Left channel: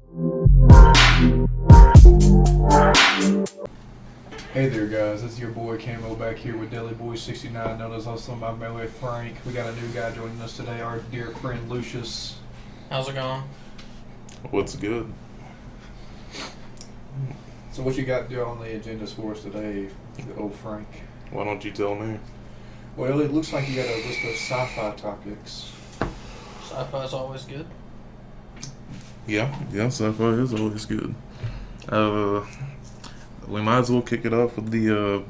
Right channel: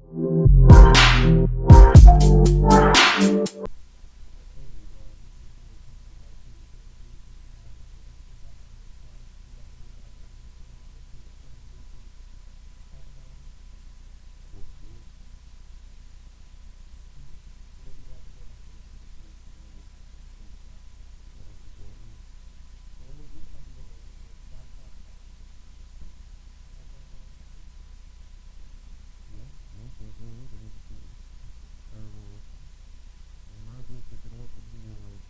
Hey there, guys. This is your boy Camo back here with Deli Boy 69, known as also my NEGA-FRANK. We got a new guy joining us today, our dear friend Lucius. How's it going? What's good? So, what you got to do on the agendas for us today, old Frank? Why don't you tell me? Well, it looks like you got a list of sci-fi topics. Sci-fi's always good. Yeah, sci-fi is always good. We might as well kick it off with the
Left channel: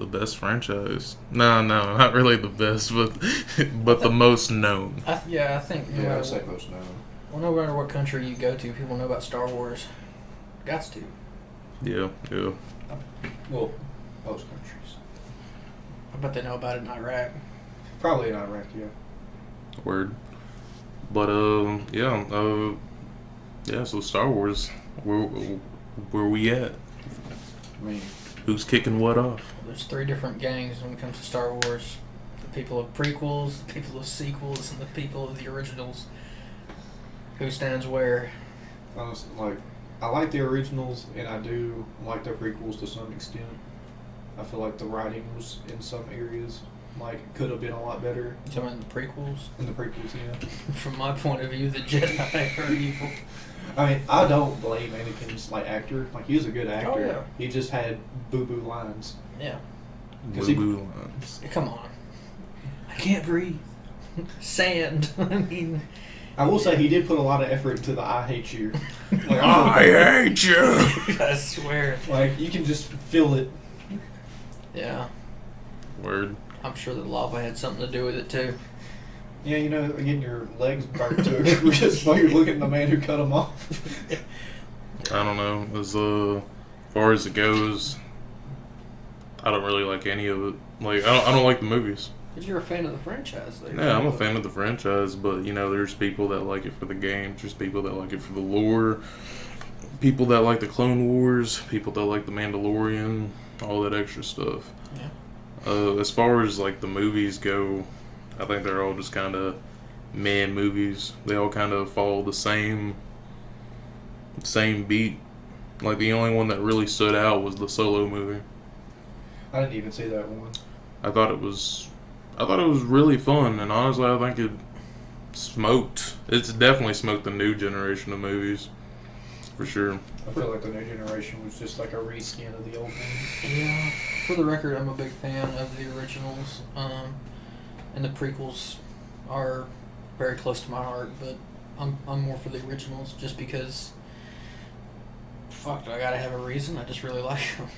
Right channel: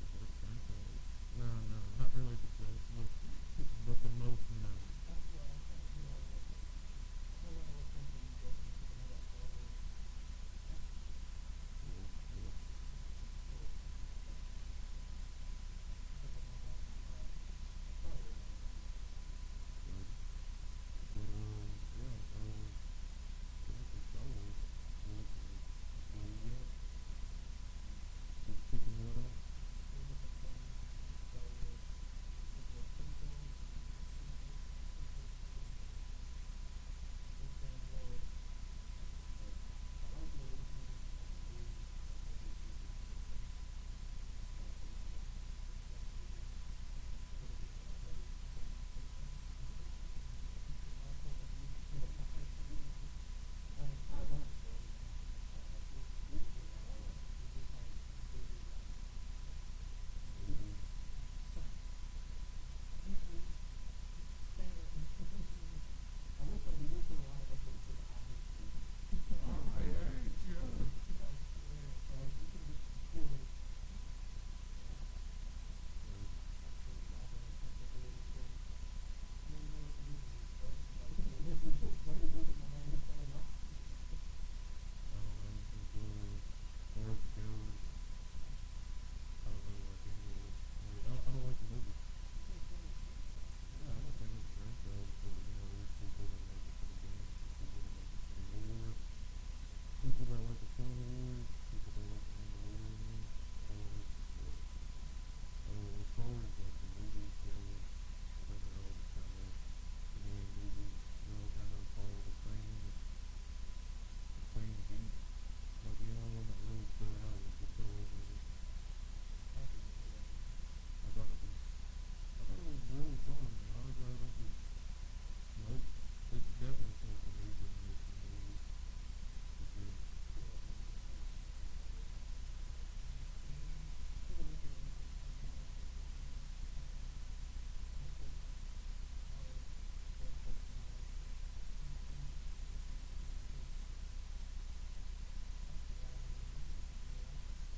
best franchise. No, not really the best, but the most known. I think no Yeah, matter I'd say what, most known. well, no matter what country you go to, people know about Star Wars. Gots to. Yeah. Well, most countries. I bet they know about it in Iraq. Probably in Iraq, yeah. Word. But so Star Wars, where we at? I mean, Who's kicking what off? There's three different gangs when it comes to Star Wars: the people of prequels, the people of sequels, and the people of the originals. Who stands where? honestly, I like the originals, and I do like the prequels to some extent. I feel like the writing was, in some areas, could have been a lot better. You talking about the prequels? In the prequels, yeah. From my point of view, the Jedi are evil. I mean, I don't blame Anakin's actor. He was a good actor. Oh, yeah. He just had boo-boo lines. Yeah. 'Cause Boo-boo lines. Come on. I can't breathe. Sand. I mean. I will say he did put a lot of effort into the "I hate you." I hate you. I swear. You can just feel it. Yeah. Word. I'm sure the lava had something to do with it too. Yeah, getting your legs burnt to a crisp while you're looking at the man who cut them off. I don't know. As far as it goes, I don't really like any of it. I don't like the movies. But you're a fan of the franchise, though. Yeah, I'm a fan of the franchise, but there's people that like it for the games. There's people that like it for the lore. People that like the Clone Wars. People that like the Mandalorian. All that extra stuff. Yeah. As far as the movies go, I think they're all just kind of meh movies. They all kind of follow the same beat. The only one that really stood out was the Solo movie. I didn't even see that one. I thought it was really fun, and honestly, I think it smoked. It's definitely smoked the new generation of movies, for sure. I feel like the new generation was just a reskin of the old one. Yeah. For the record, I'm a big fan of the originals, and the prequels are very close to my heart. But I'm more for the originals, just because. Fuck, do I gotta have a reason? I just really like them.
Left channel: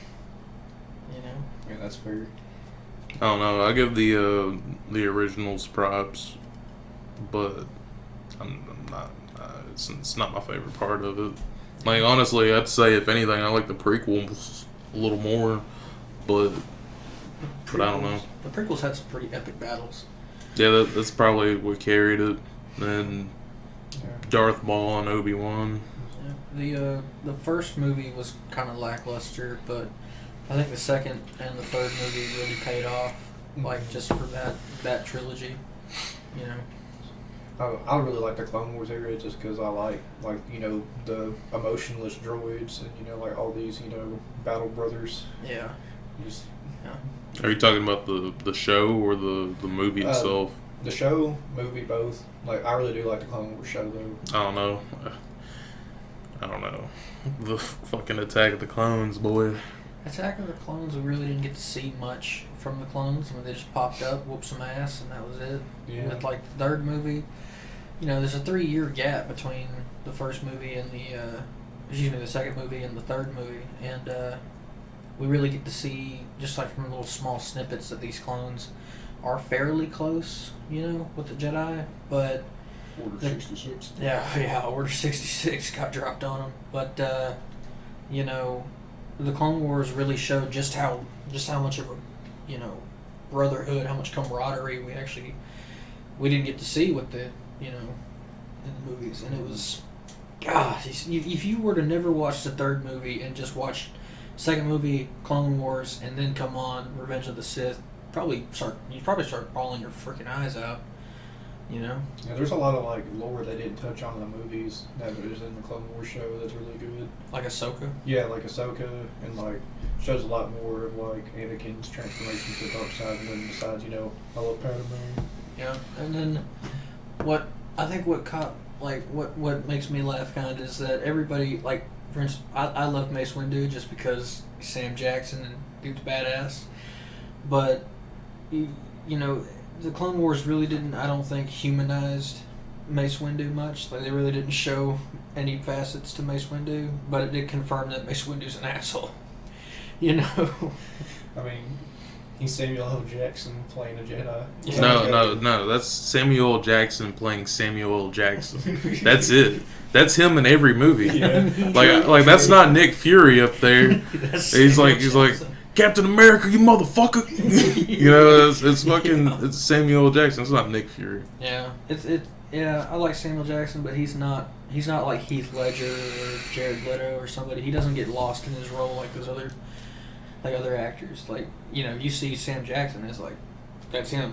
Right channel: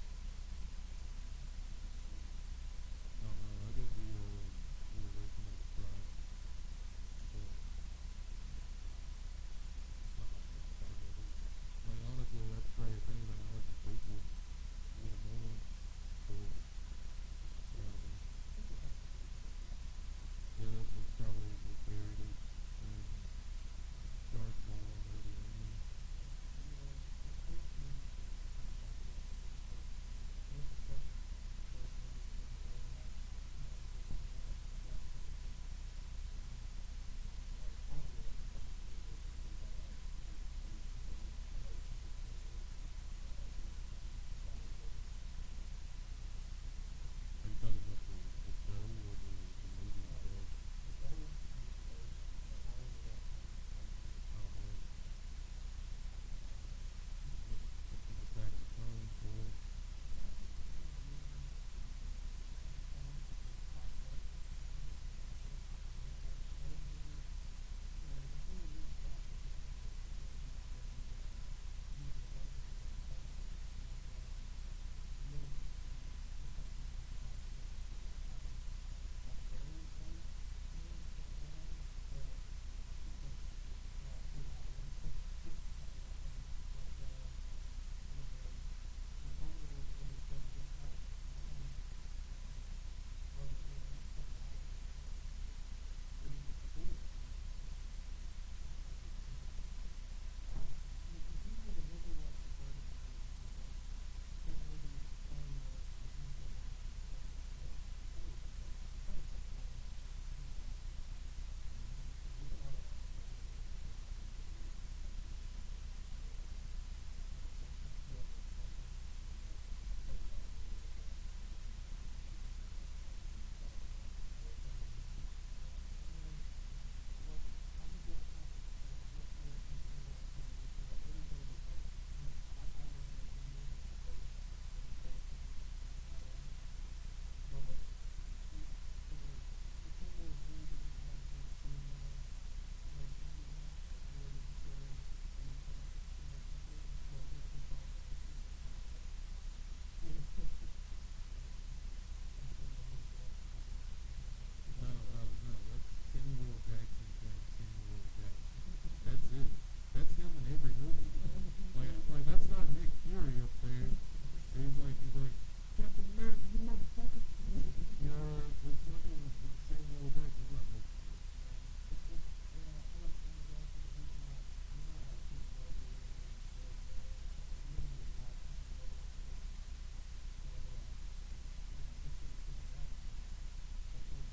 Yeah, that's fair. I don't know. I give the originals props, but I'm not. It's not my favorite part of it. Honestly, I'd say if anything, I like the prequels a little more, but I don't know. The prequels had some pretty epic battles. Yeah, that's probably what carried it. And Yeah. Darth Maul and Obi-Wan. Yeah. The first movie was kind of lackluster, but I think the second and the third movie really paid off, just for that trilogy. I really like the Clone Wars era just because I like the emotionless droids and all these battle brothers. Yeah. Just Are you talking about the show or the movie itself? the show, movie, both. I really do like the Clone Wars show though. I don't know. The fucking Attack of the Clones, boy. Attack of the Clones, we really didn't get to see much from the clones. They just popped up, whooped some ass, and that was it. Yeah. With the third movie, there's a 3-year gap between the first movie and the second movie and the third movie, and we really get to see, just from little small snippets, that these clones are fairly close, with the Jedi, but Order 66. yeah, Order 66 got dropped on them, but the Clone Wars really showed just how much of a brotherhood, how much camaraderie we didn't get to see with the in the movies, and it was, gosh, if you were to never watch the third movie and just watch second movie Clone Wars and then come on Revenge of the Sith, you'd probably start bawling your freaking eyes out. You know. Yeah, there's a lot of like lore they didn't touch on in the movies that is in the Clone Wars show that's really good. Like Ahsoka. Yeah, like Ahsoka, and like shows a lot more of like Anakin's transformation to the dark side, and then decides, I love Padme. Yeah, and then what I think what makes me laugh kind of is that everybody, like, for instance, I love Mace Windu just because Sam Jackson and dude's badass, but the Clone Wars really didn't, I don't think, humanized Mace Windu much. Like, they really didn't show any facets to Mace Windu, but it did confirm that Mace Windu's an asshole. I mean, he's Samuel L. Jackson playing a Jedi. Yeah. No. That's Samuel L. Jackson playing Samuel L. Jackson. That's it. That's him in every movie. Yeah. Like that's not Nick Fury up there. He's like Captain America, you motherfucker. It's Samuel L. Jackson. It's not Nick Fury. Yeah, yeah. I like Samuel Jackson, but he's not like Heath Ledger or Jared Leto or somebody. He doesn't get lost in his role like those other actors. Like, you see Sam Jackson, it's like, that's him.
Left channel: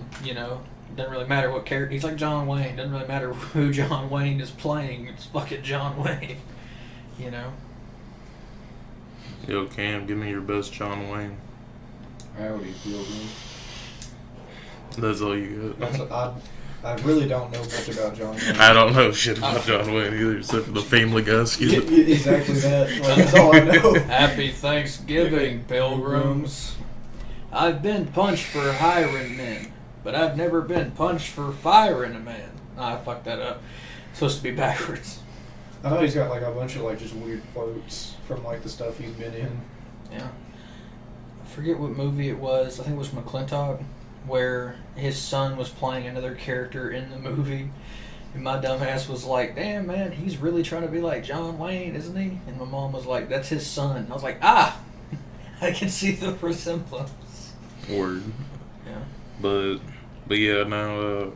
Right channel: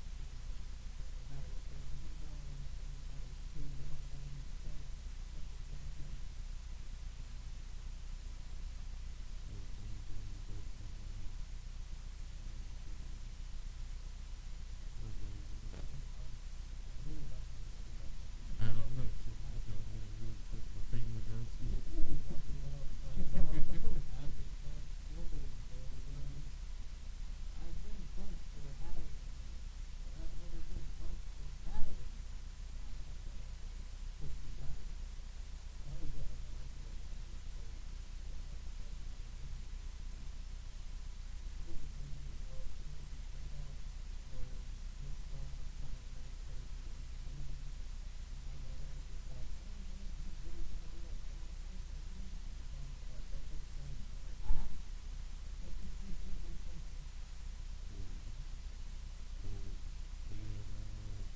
Doesn't really matter what character. He's like John Wayne. Doesn't really matter who John Wayne is playing. It's fucking John Wayne. Yo, Cam, give me your best John Wayne. Howdy, Pilgrim. That's all you got. I really don't know much about John Wayne. I don't know shit about John Wayne either, except for the Family Guy skit. Exactly that. Like, that's all I know. Happy Thanksgiving, pilgrims. I've been punched for hiring men, but I've never been punched for firing a man. I fucked that up. It's supposed to be backwards. I know he's got like a bunch of like just weird quotes from like the stuff he's been in. Yeah. I forget what movie it was. I think it was McClintock, where his son was playing another character in the movie. And my dumbass was like, damn, man, he's really trying to be like John Wayne, isn't he? And my mom was like, that's his son. I was like, I can see the resemblance. Word. Yeah. But yeah, now,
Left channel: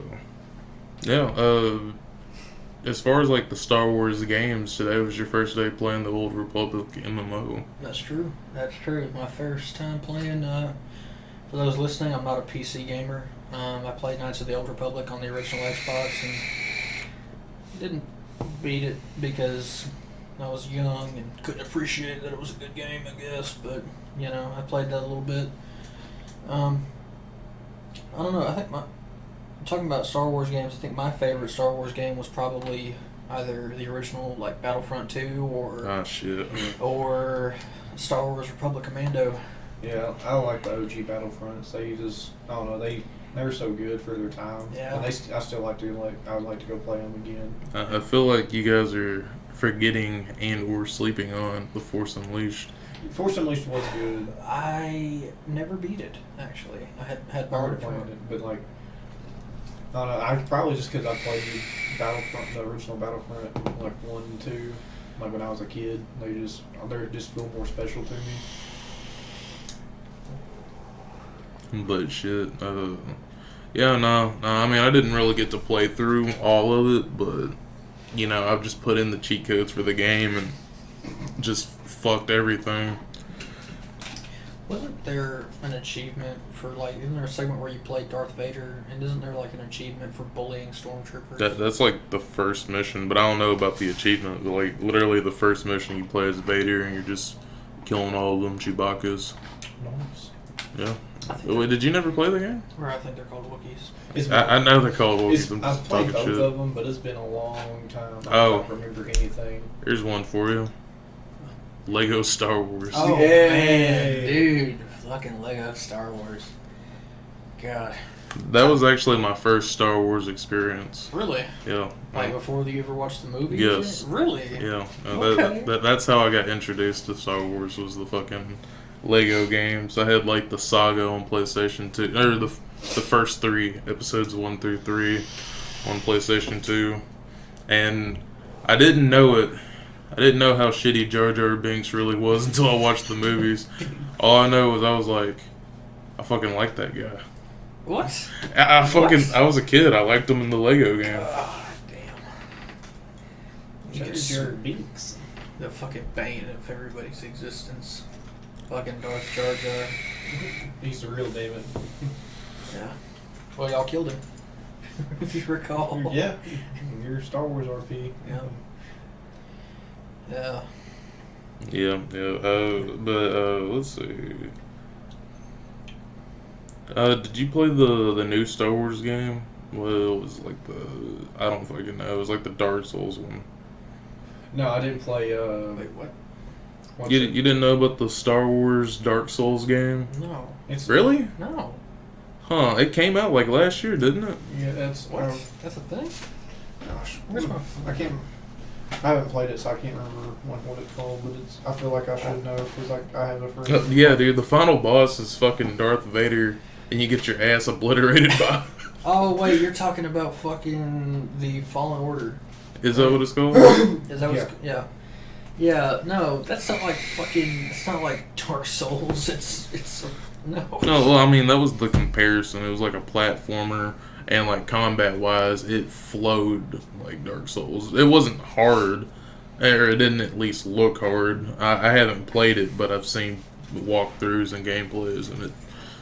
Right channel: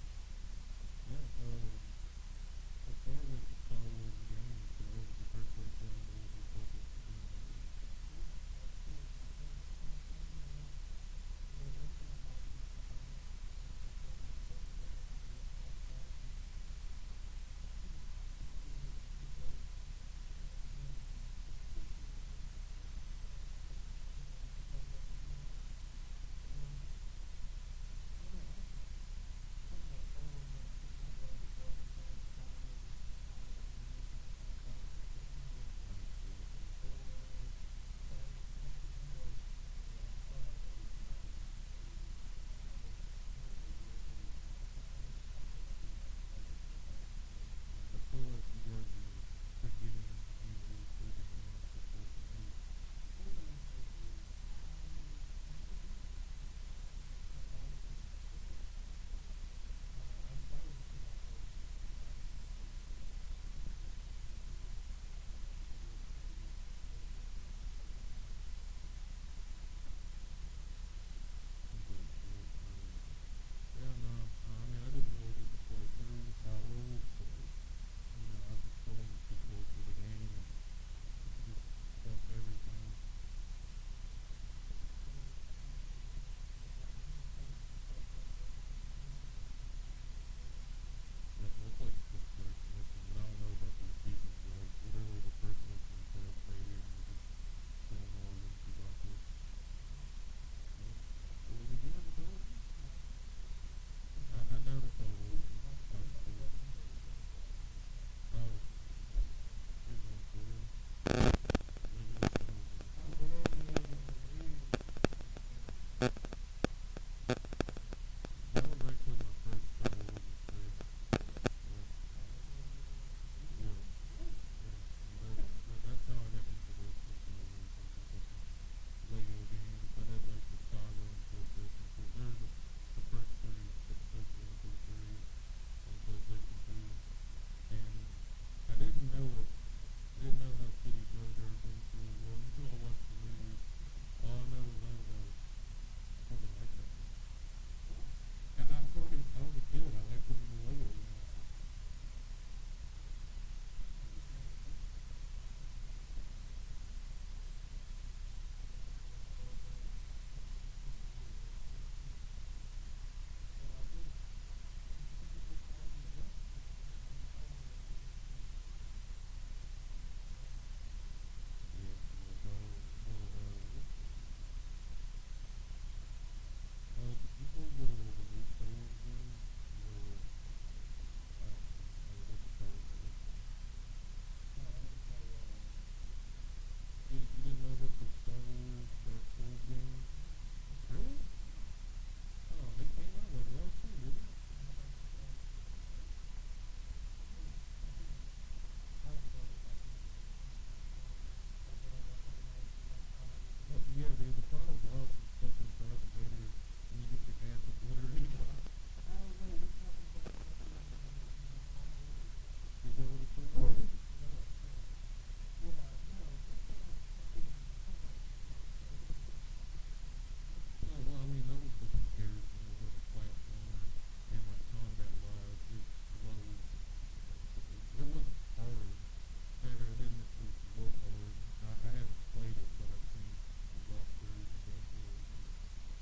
as far as like the Star Wars games, today was your first day playing the Old Republic MMO. That's true. That's true. My first time playing. For those listening, I'm not a PC gamer. I played Knights of the Old Republic on the original Xbox and didn't beat it because I was young and couldn't appreciate that it was a good game, I guess. But I played that a little bit. I don't know. I think talking about Star Wars games, I think my favorite Star Wars game was probably either the original, like Battlefront 2, or Star Wars Republic Commando. Yeah, I like the OG Battlefronts. They just, I don't know, they're so good for their time. Yeah. And I still like to I would like to go play them again. I feel like you guys are forgetting and or sleeping on The Force Unleashed. Force Unleashed was good. I never beat it, actually. I had Hard borrowed it playing from it, but like, I don't know. I probably just because I played Battlefront, the original Battlefront, like 1 and 2, like when I was a kid. They just feel more special to me. But shit, yeah, no, I mean, I didn't really get to play through all of it, but, I've just put in the cheat codes for the game and just fucked everything. Wasn't there an achievement for, like, isn't there a segment where you play Darth Vader, and isn't there, like, an achievement for bullying stormtroopers? That's, like, the first mission, but I don't know about the achievement. But, like, literally the first mission you play as Vader, and you're just killing all of them Chewbacca's. Nice. Yeah. Wait, did you never play the game? Or I think they're called Wookiees. I know they're called Wookiees. I'm I've just played talking both shit. of them, but it's been a long time. I Oh. don't remember anything. Here's one for you. Lego Star Wars. Oh, Yay. man, dude. Fucking Lego Star Wars. God. That was actually my first Star Wars experience. Really? Yeah. Like before you ever watched the movie? Yes. Really? Yeah. Okay. That's how I got introduced to Star Wars, was the fucking Lego games. I had like the Saga on PlayStation 2, or the first 3 episodes 1 through 3 on PlayStation 2, and I didn't know it. I didn't know how shitty Jar Jar Binks really was until I watched the movies. All I know is I was like, I fucking like that guy. What? I was a kid. I liked him in the Lego game. Oh, damn. You Jar get Jar Binks. the fucking bane of everybody's existence. Fucking Darth Jar Jar. He's the real David. Yeah. Well, y'all killed him. if you recall. Yeah, your Star Wars RP. Yeah. Yeah, yeah. But let's see. Did you play the new Star Wars game? Well, it was like I don't fucking know. It was like the Dark Souls one. No, I didn't play. Wait, what? What's You it? didn't know about the Star Wars Dark Souls game? No. It's Really? No. Huh? It came out like last year, didn't it? Yeah, that's. What? That's a thing? Gosh, Where's my I can't. I haven't played it, so I can't remember what it's called. But it's. I feel like I should know because I have a friend. Yeah, dude. The final boss is fucking Darth Vader, and you get your ass obliterated by. Oh, wait, you're talking about fucking the Fallen Order. Is that what it's called? Is that what it's, yeah. Yeah, no, that's not like fucking, it's not like Dark Souls, it's, no. No, well, I mean that was the comparison. It was like a platformer, and like combat-wise, it flowed like Dark Souls. It wasn't hard, or it didn't at least look hard. I haven't played it, but I've seen walkthroughs and gameplays, and it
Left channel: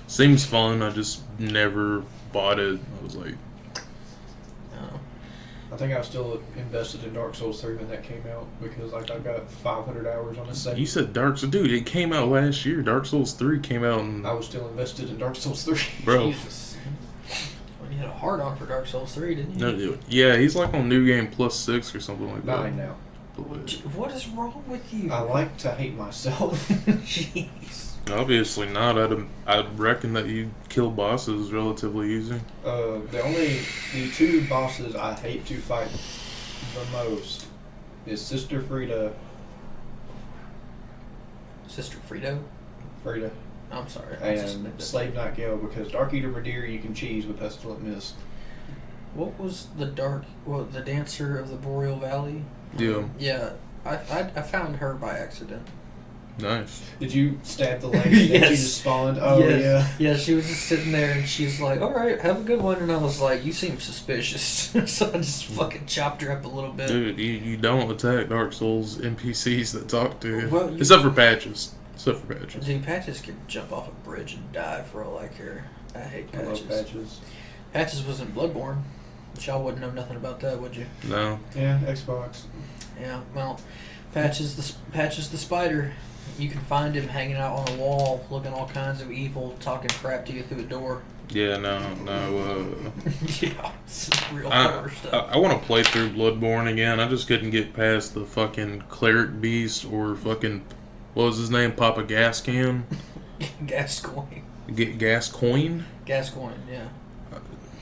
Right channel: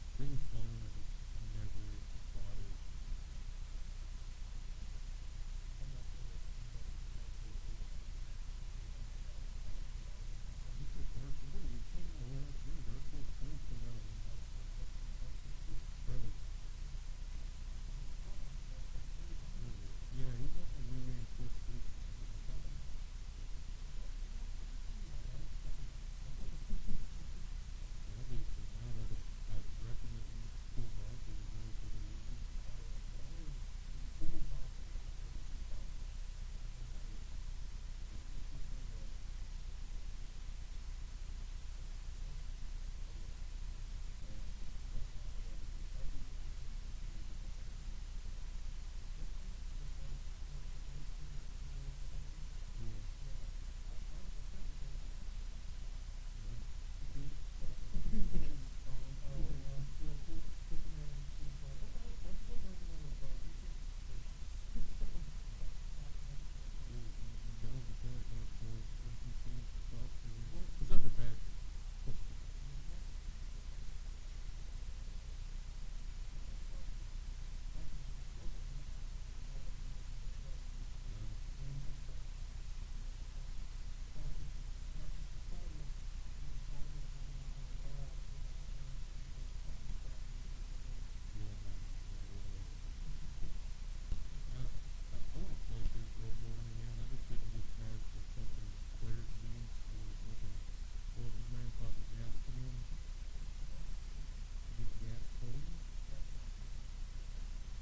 seems fun. I just never bought it. I was like, No. I think I was still invested in Dark Souls 3 when that came out because like I've got 500 hours on the second. you said Dark Souls, dude. It came out last year. Dark Souls 3 came out, in, I was still invested in Dark Souls 3. bro. Jesus. Well, you had a hard on for Dark Souls 3, didn't you? No, yeah, he's like on New Game Plus 6 or something like that. 9 now. What is wrong with you? I like to hate myself. Jeez. Obviously not. I'd reckon that you kill bosses relatively easy. The two bosses I hate to fight the most is Sister Frida. Sister Frito? Frida. I'm sorry. I just And mixed it. Slave Knight Gale because Dark Eater Madeira you can cheese with Pestilent Mist. What was the dancer of the Boreal Valley? Yeah. Yeah, I found her by accident. Nice. Did you stab the lady and Yes. she just spawned? Oh Yes. yeah. Yeah, she was just sitting there and she's like, alright, have a good one. And I was like, you seem suspicious. So I just fucking chopped her up a little bit. Dude, you don't attack Dark Souls NPCs that talk to you. Well, Except for patches. Dude, Patches can jump off a bridge and die for all I care. I hate I Patches. love Patches. Patches was in Bloodborne, but y'all wouldn't know nothing about that, would you? No. Yeah, Xbox. Yeah, well, Patches the spider. You can find him hanging out on a wall, looking all kinds of evil, talking crap to you through a door. Yeah, no. Yeah, it's real I horror stuff. want to play through Bloodborne again. I just couldn't get past the fucking Cleric Beast or fucking, what was his name? Papa Gascan? Gascoigne. Gascoigne? Gascoigne, yeah.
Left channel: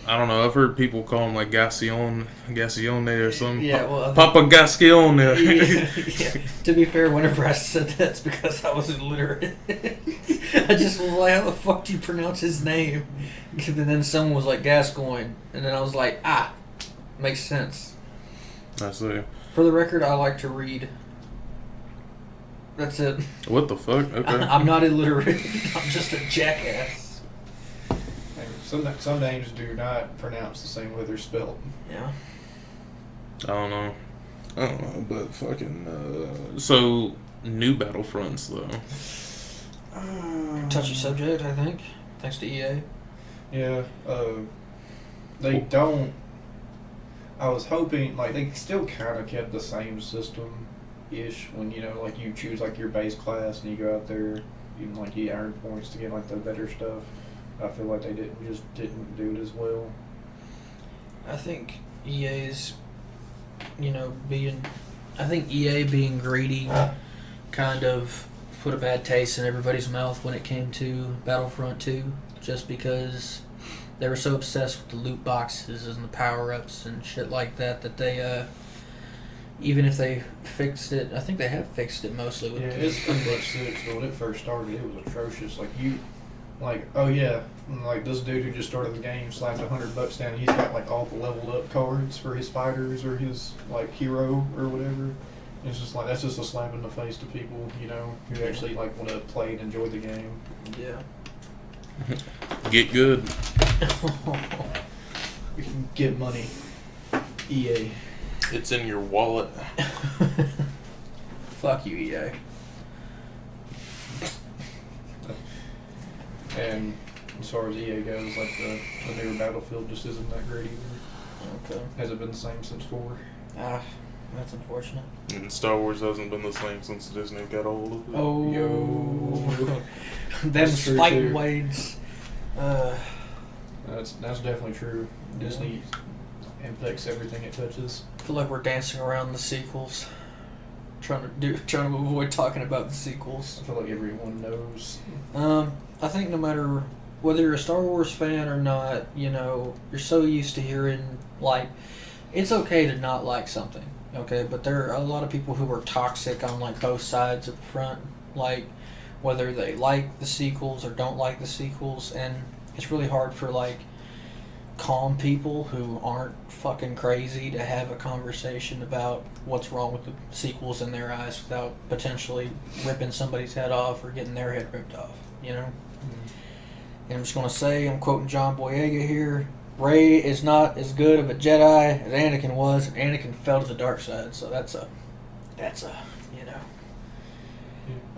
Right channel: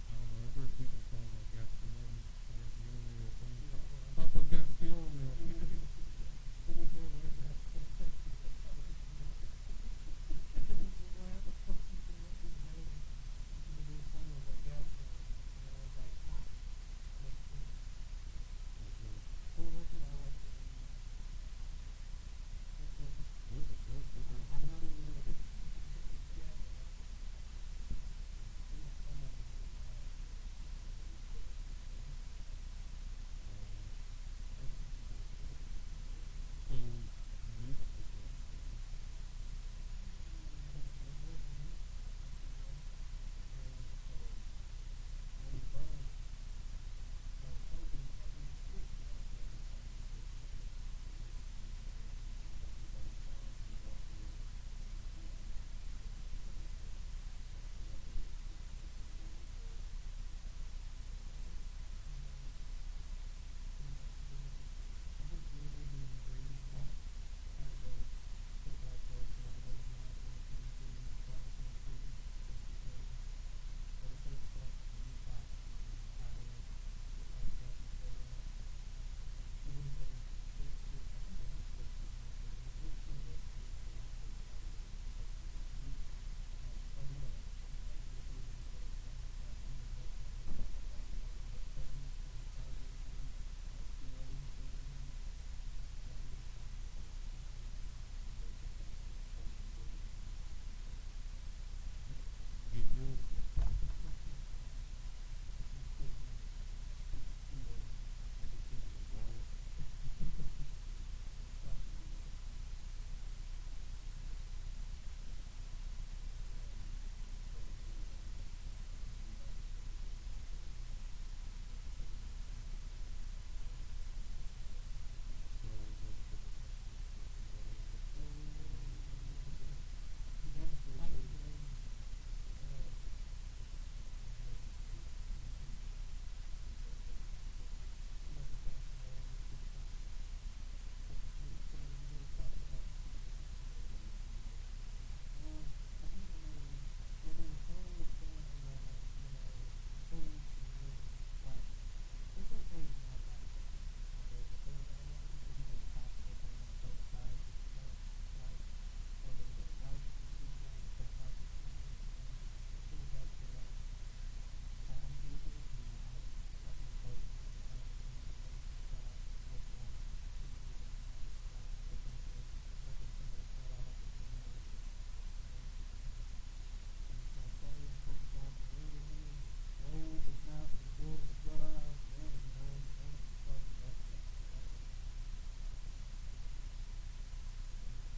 I don't know. I've heard people call him like Gascione or something. Yeah, well, Papa Gascione. yeah. To be fair, whenever I said that, it's because I was illiterate. I just was like, how the fuck do you pronounce his name? And then someone was like, Gascoigne. And then I was like, makes sense. I see. For the record, I like to read. That's it. What the fuck? Okay. I'm not illiterate. I'm just a jackass. Some names do not pronounce the same way they're spelled. Yeah. I don't know, but fucking, so, new Battlefronts, though. Touchy subject, I think. Thanks to EA. Yeah, they don't. I was hoping, like, they still kind of kept the same system-ish when, you know, like, you choose, like, your base class and you go out there, even, like, you earn points to get, like, the better stuff. I feel like they didn't do it as well. I think EA's, I think EA being greedy kind of put a bad taste in everybody's mouth when it came to Battlefront 2, just because they were so obsessed with the loot boxes and the power-ups and shit like that they, even if they fixed it, I think they have fixed it mostly. With It's pretty much 6, but when it first started, it was atrocious. Like this dude who just started the game slapped $100 down. And he's got like all the leveled up cards for his fighters or his like hero or whatever. It's just like that's just a slap in the face to people, you know, who actually like want to play and enjoy the game. Yeah. Get good. We can get money. EA. It's in your wallet. Fuck you, EA. And as far as EA goes, like the newer Battlefield just isn't that great either. Okay. Has it been the same since 4? Ah, that's unfortunate. And Star Wars hasn't been the same since Disney got hold of it. Oh, Yo. them That's true, fighting too. waves. That's definitely true. Disney infects everything it touches. I feel like we're dancing around the sequels, trying to avoid talking about the sequels. I feel like everyone knows. I think no matter whether you're a Star Wars fan or not, you're so used to hearing, like, it's okay to not like something, okay? But there are a lot of people who are toxic on, like, both sides of the front, like, whether they like the sequels or don't like the sequels, and it's really hard for, like, calm people who aren't fucking crazy to have a conversation about what's wrong with the sequels in their eyes without potentially ripping somebody's head off or getting their head ripped off, And I'm just going to say, I'm quoting John Boyega here, Rey is not as good of a Jedi as Anakin was, and Anakin fell to the dark side, so that's a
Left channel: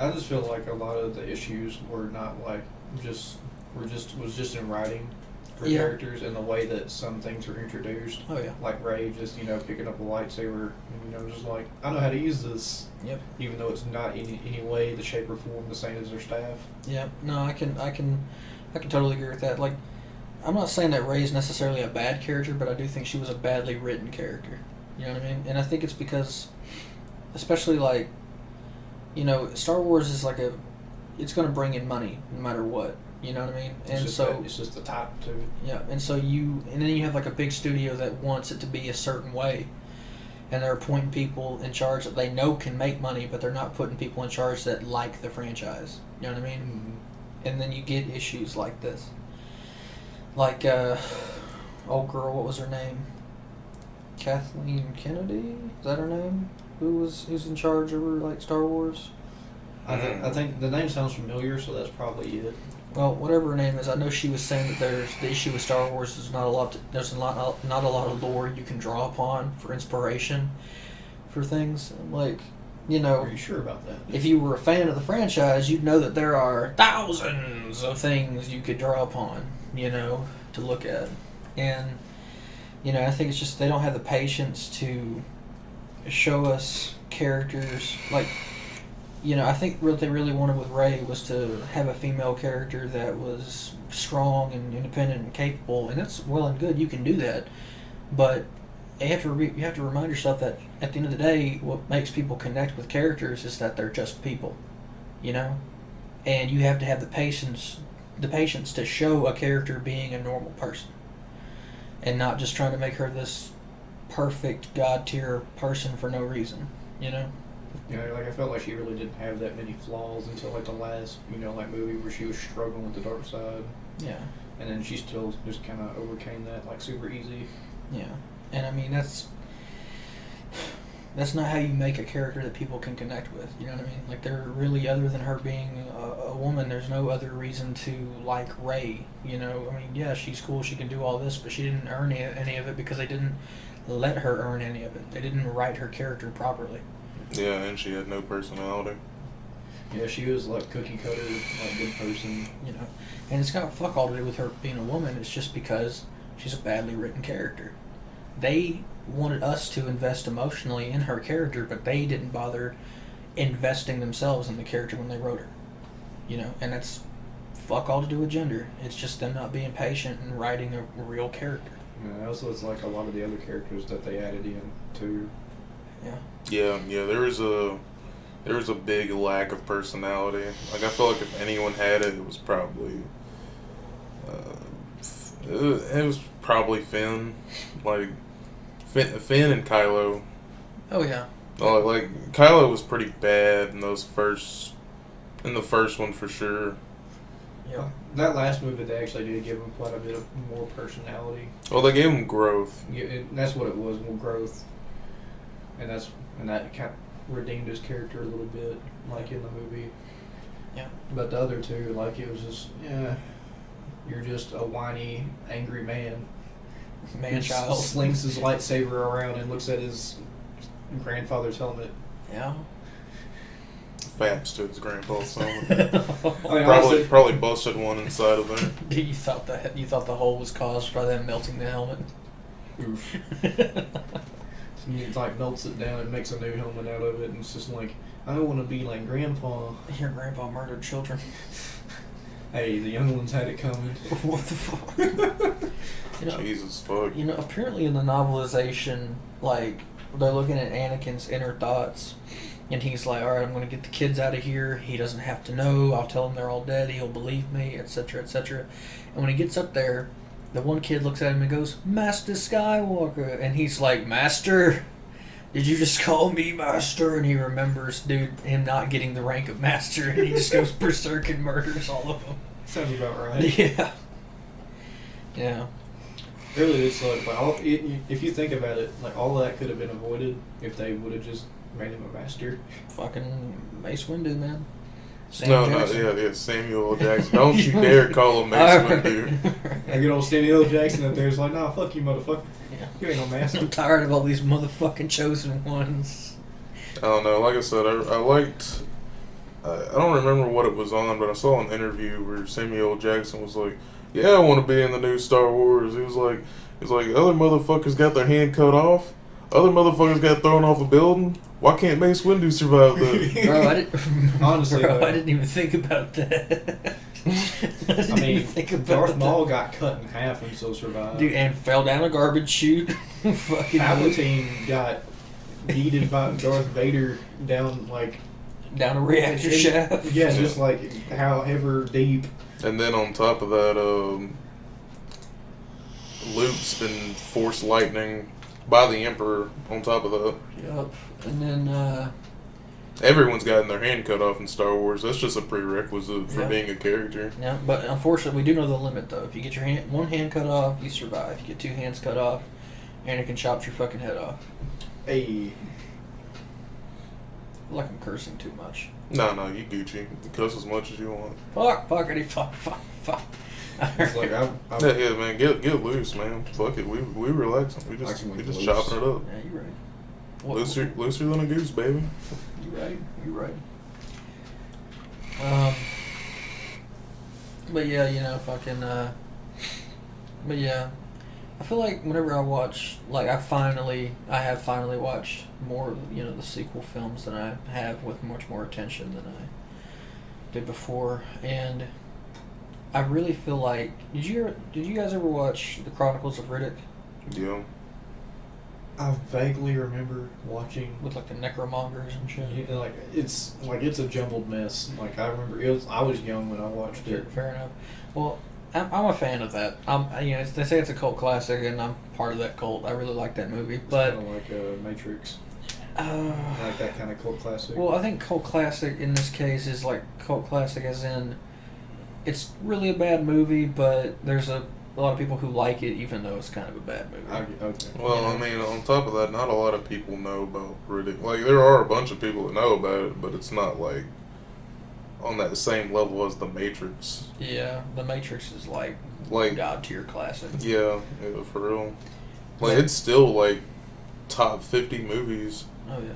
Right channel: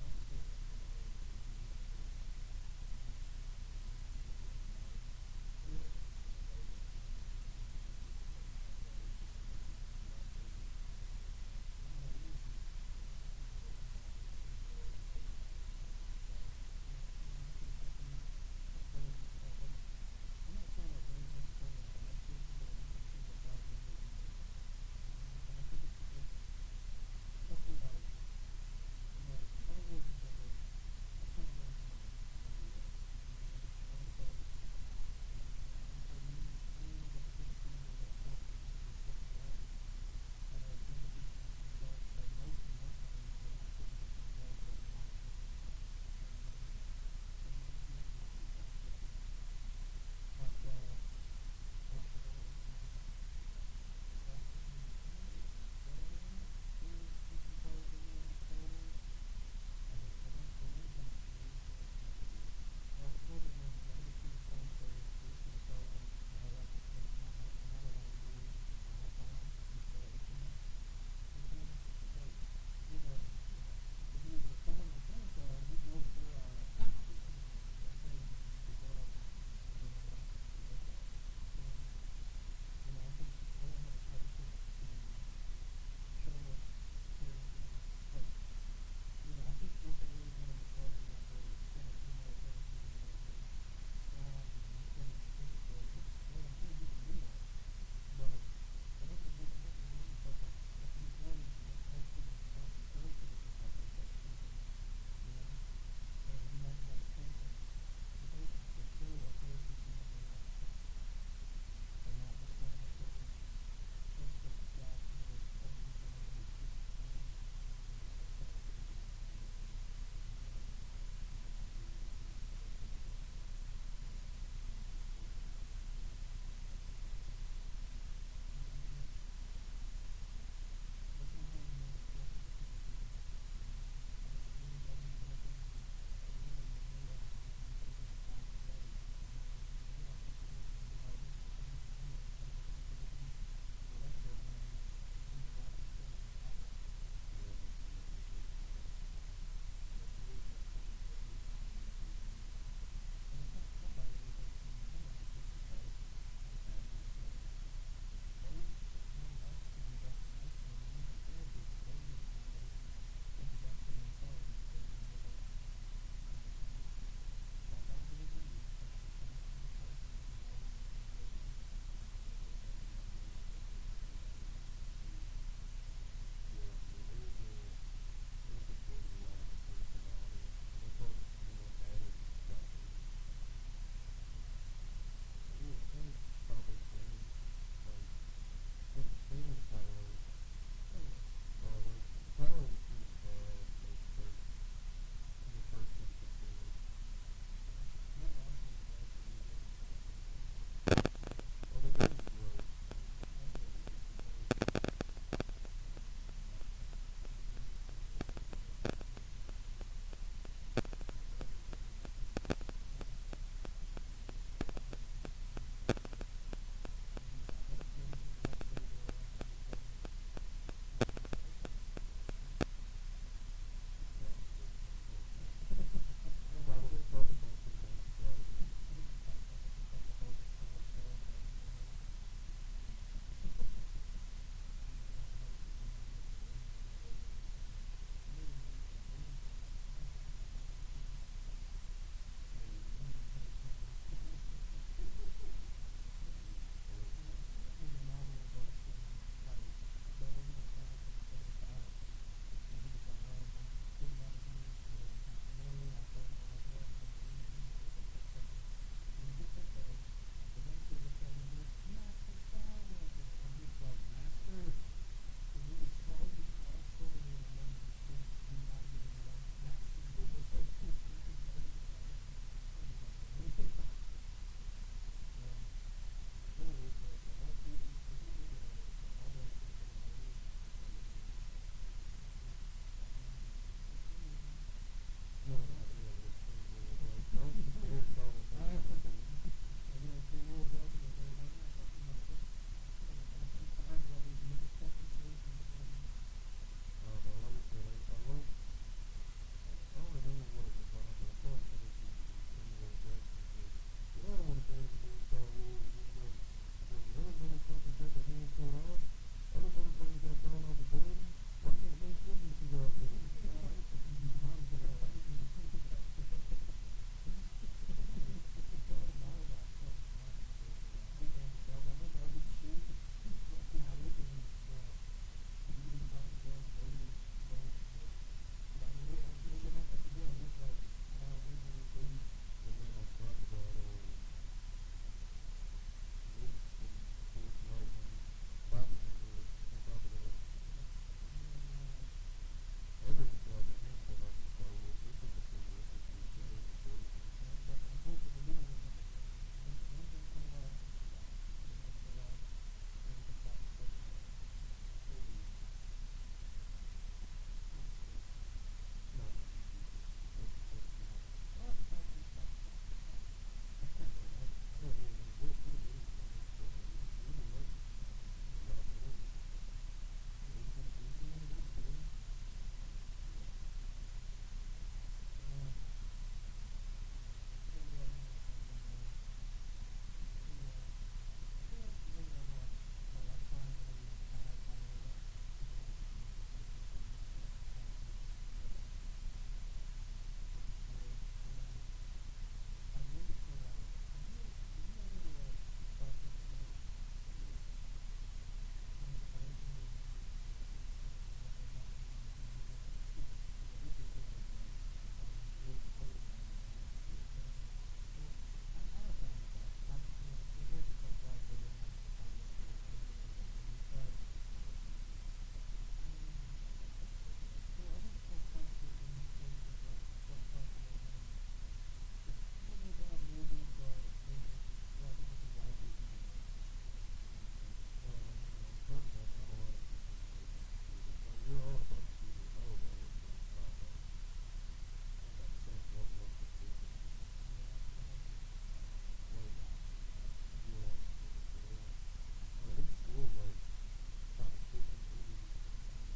I just feel like a lot of the issues were not like was just in writing for Yeah. characters and the way that some things were introduced. Oh, yeah. Like Rey just picking up a lightsaber, just like, I know how to use this. Yep. Even though it's not in any way, the shape or form the same as their staff. Yeah, no, I can totally agree with that. Like, I'm not saying that Rey's necessarily a bad character, but I do think she was a badly written character. You know what I mean? And I think it's because, especially like, Star Wars is like it's going to bring in money no matter what. You know what I mean? And It's just the top too. Yeah, and then you have like a big studio that wants it to be a certain way, and they're appointing people in charge that they know can make money, but they're not putting people in charge that like the franchise. You know what I mean? Mm-hmm. And then you get issues like this. Like, old girl, what was her name? Kathleen Kennedy? Is that her name? Who's in charge over, like, Star Wars? I think the name sounds familiar, so that's probably it. Well, whatever her name is, I know she was saying that the issue with Star Wars is not a lot of lore you can draw upon for inspiration for things. Like, Are you sure about that? if you were a fan of the franchise, you'd know that there are thousands of things you could draw upon, to look at. And, I think it's just they don't have the patience to show us characters. Like, I think what they really wanted with Rey was to have a female character that was strong and independent and capable, and that's well and good. You can do that. But you have to remind yourself that at the end of the day, what makes people connect with characters is that they're just people, and you have to have the patience to show a character being a normal person, and not just trying to make her this perfect god tier person for no reason, Like I felt like she really didn't have that many flaws until like the last, movie where she was struggling with the dark side. Yeah. And then she still just kind of overcame that like super easy. Yeah. And I mean that's not how you make a character that people can connect with. You know what I mean? Like, they're really, other than her being a woman, there's no other reason to like Rey. I mean, yeah, she's cool, she can do all this, but she didn't earn any of it because they didn't let her earn any of it. They didn't write her character properly. Yeah, and she had no personality. Yeah, she was like cookie cutter, like good person. And it's got fuck all to do with her being a woman. It's just because she's a badly written character. They wanted us to invest emotionally in her character, but they didn't bother investing themselves in the character when they wrote her. And that's fuck all to do with gender. It's just them not being patient and writing a real character. Also, it's like a lot of the other characters that they added in too. Yeah. There was a big lack of personality. Like, I feel like if anyone had it, it was probably Finn. Like, Finn and Kylo. Oh yeah. Like, Kylo was pretty bad in the first one for sure. Yeah. That last movie, they actually did give him quite a bit of more personality. Well, they gave him growth. Yeah, that's what it was, more growth. And that kind of redeemed his character a little bit, like in the movie. Yeah. But the other two, like, it was just, you're just a whiny, angry man. Man-child. Slings his lightsaber around and looks at his grandfather's helmet. Yeah. Faps to his grandpa's helmet. I mean, Probably busted one inside of there. You thought the hole was caused by them melting the helmet? Oof. He like melts it down and makes a new helmet out of it, and it's just like, I want to be like Grandpa. Your grandpa murdered children. Hey, the young ones had it coming. What the fuck? Jesus fuck. You know, apparently in the novelization, like, they're looking at Anakin's inner thoughts, and he's like, alright, I'm going to get the kids out of here. He doesn't have to know. I'll tell him they're all dead. He'll believe me, etc., etc. And when he gets up there, the one kid looks at him and goes, Master Skywalker. And he's like, Master? Did you just call me Master? And he remembers, dude, him not getting the rank of Master, and he just goes berserk and murders all of them. Sounds about right. Yeah. Yeah. Really, it's like if you think about it, like all that could have been avoided if they would have just made him a master. Fucking Mace Windu, man. Sam No, Jackson. yeah, Samuel L. Jackson. Don't you dare call him Mace Windu. And good old Samuel L. Jackson up there is like, nah, fuck you, motherfucker. Yeah. You ain't no master. I'm tired of all these motherfucking chosen ones. I don't know. Like I said, I liked. I don't remember what it was on, but I saw an interview where Samuel L. Jackson was like, "Yeah, I want to be in the new Star Wars." He was like, "Other motherfuckers got their hand cut off. Other motherfuckers got thrown off a building. Why can't Mace Windu survive that?" Bro, I didn't. Honestly, bro, though. I didn't even think about that. I mean, Darth Maul got cut in half and still survived. Dude, and fell down a garbage chute. Fucking Palpatine got yeeted by Darth Vader down down a reactor shaft. Yeah, just like however deep. And then on top of that, Luke's been force lightning by the Emperor. On top of that, Yup. And then, everyone's gotten their hand cut off in Star Wars. That's just a prerequisite for Yeah. being a character. yeah, but unfortunately, we do know the limit, though. If you get your one hand cut off, you survive. If you get two hands cut off, Anakin chops your fucking head off. Hey, Like I'm cursing too much. No, you Gucci. You cuss as much as you want. Fuckity, fuck. it's like Yeah, man, get loose, man. Fuck it, we relaxing. We just loose. chopping it up. Yeah, you're right. Looser than a goose, baby. You're right. But yeah, fucking. But yeah, I feel like whenever I watch, like I have finally watched more, the sequel films than I have with much more attention than I did before, and I really feel like did you guys ever watch the Chronicles of Riddick Yeah. I vaguely remember watching. with like the necromongers and shit? It's a jumbled mess. Like I remember, I was young when I watched it. Fair enough. Well, I'm a fan of that. They say it's a cult classic, and I'm part of that cult. I really like that movie, but Kind of like Matrix, like that kind of cult classic. well, I think cult classic in this case is like cult classic as in it's really a bad movie, but there's a lot of people who like it, even though it's kind of a bad movie. Okay. Well, I mean, on top of that, not a lot of people know about Riddick. Like, there are a bunch of people that know about it, but it's not like on that same level as The Matrix. Yeah, The Matrix is like god tier classic. Yeah, for real. Like, it's still like top 50 movies. Oh yeah.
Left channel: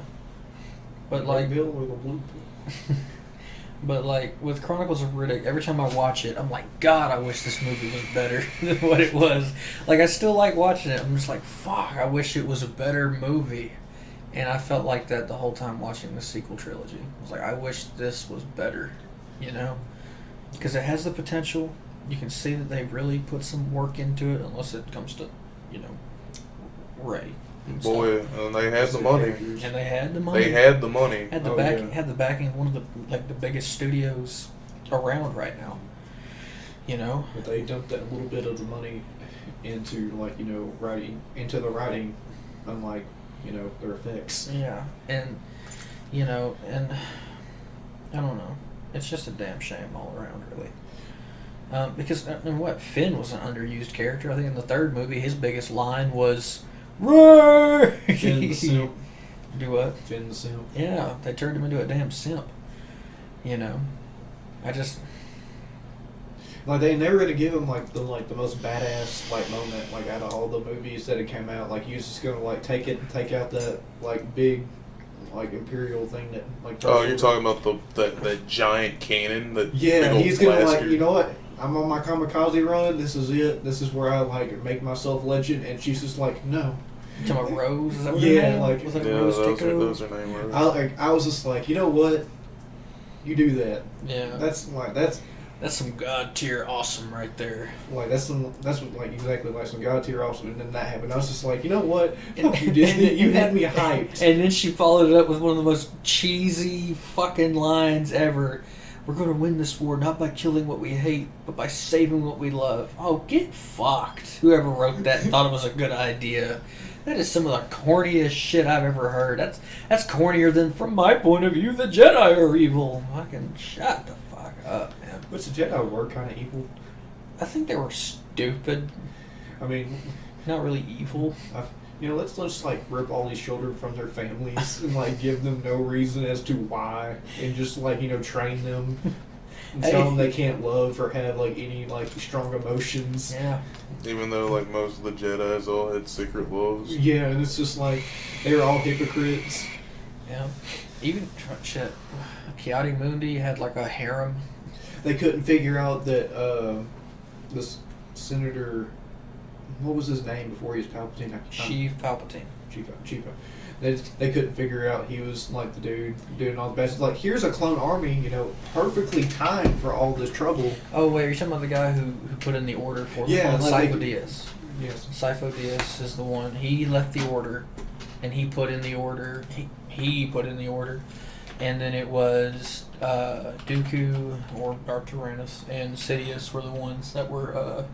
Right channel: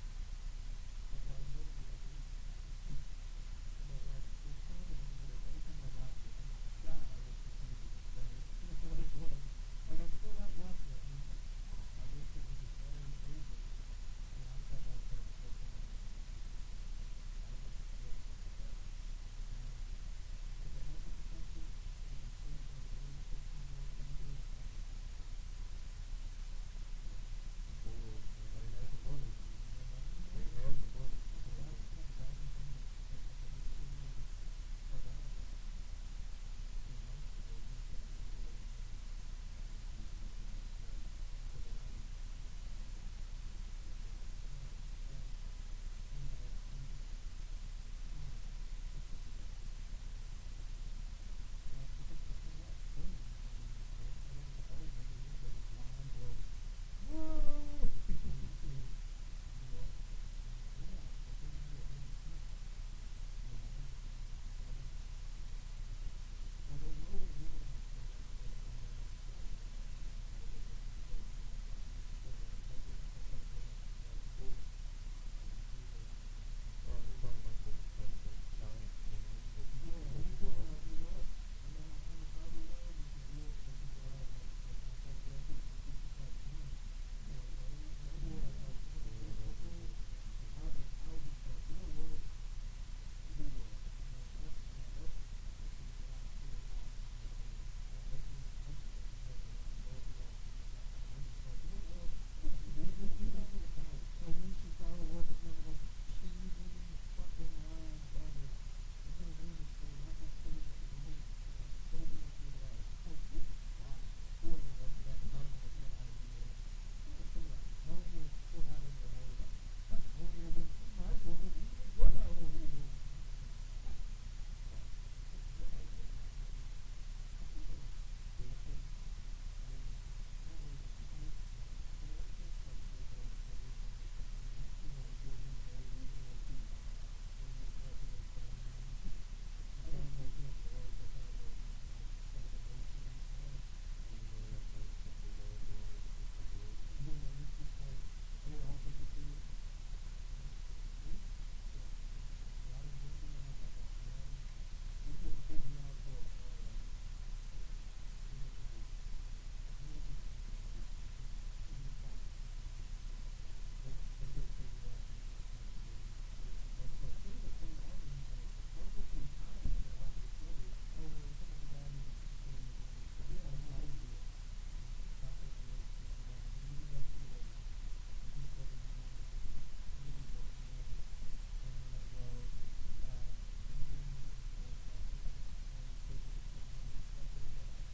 But like Bill with a blue pill. But like with Chronicles of Riddick, every time I watch it, I'm like, God, I wish this movie was better than what it was. Like I still like watching it. I'm just like, fuck, I wish it was a better movie. And I felt like that the whole time watching the sequel trilogy. I was like, I wish this was better, because it has the potential. You can see that they really put some work into it, unless it comes to, Ray. Boy, and they had the money. And they had the money. They had the money. Had the had the backing of one of the biggest studios around right now. But they dumped that little bit of the money into writing the writing, unlike their effects. Yeah, and and I don't know. It's just a damn shame all around, really. Because Finn was an underused character. I think in the third movie, his biggest line was "Roar!" Finn the simp. Do what? Finn the simp. Yeah, they turned him into a damn simp. I just they never gonna give him the most badass moment out of all the movies that had came out. He was just gonna take out that big Imperial thing that Oh, you're talking about that giant cannon that. Yeah, big old he's gonna blaster. you know what? I'm on my kamikaze run. This is it. This is where I like make myself legend. And she's just like, no. You talking about Rose? Is that what her Yeah, name? like Was that Yeah, Rose those Tico? are name Rose. I was just like, you know what? You do that. Yeah. That's That's some god tier awesome right there. that's what like exactly like some god tier awesome, and then that happened. I was just like, you know what? And- Fuck you, Disney. and- You had me hyped. And then she followed it up with one of the most cheesy fucking lines ever. We're gonna win this war not by killing what we hate, but by saving what we love. Oh, get fucked. Whoever wrote that and thought it was a good idea. That is some of the corniest shit I've ever heard. That's cornier than, from my point of view, the Jedi are evil. Fucking shut the fuck up, man. Which the Jedi were kind of evil. I think they were stupid, I mean, not really evil. let's just like rip all these children from their families and like give them no reason as to why, and just like train them and tell them they can't love or have like any like strong emotions. Yeah. Even though like most of the Jedi's all had secret loves. Yeah, and it's just like they were all hypocrites. Yeah. Even shit. Kiadi Mundi had like a harem. They couldn't figure out that this senator, what was his name before he was Palpatine? Sheev Palpatine. Chief. They couldn't figure out he was like the dude doing all the best. Like, here's a clone army, perfectly timed for all this trouble. Oh wait, are you talking about the guy who put in the order for Yeah, them? like Sifo they- Dyas. Yes. Sifo Dyas is the one. He left the order, and he put in the order. He put in the order, and then it was Dooku or Darth Tyrannus and Sidious were the ones that were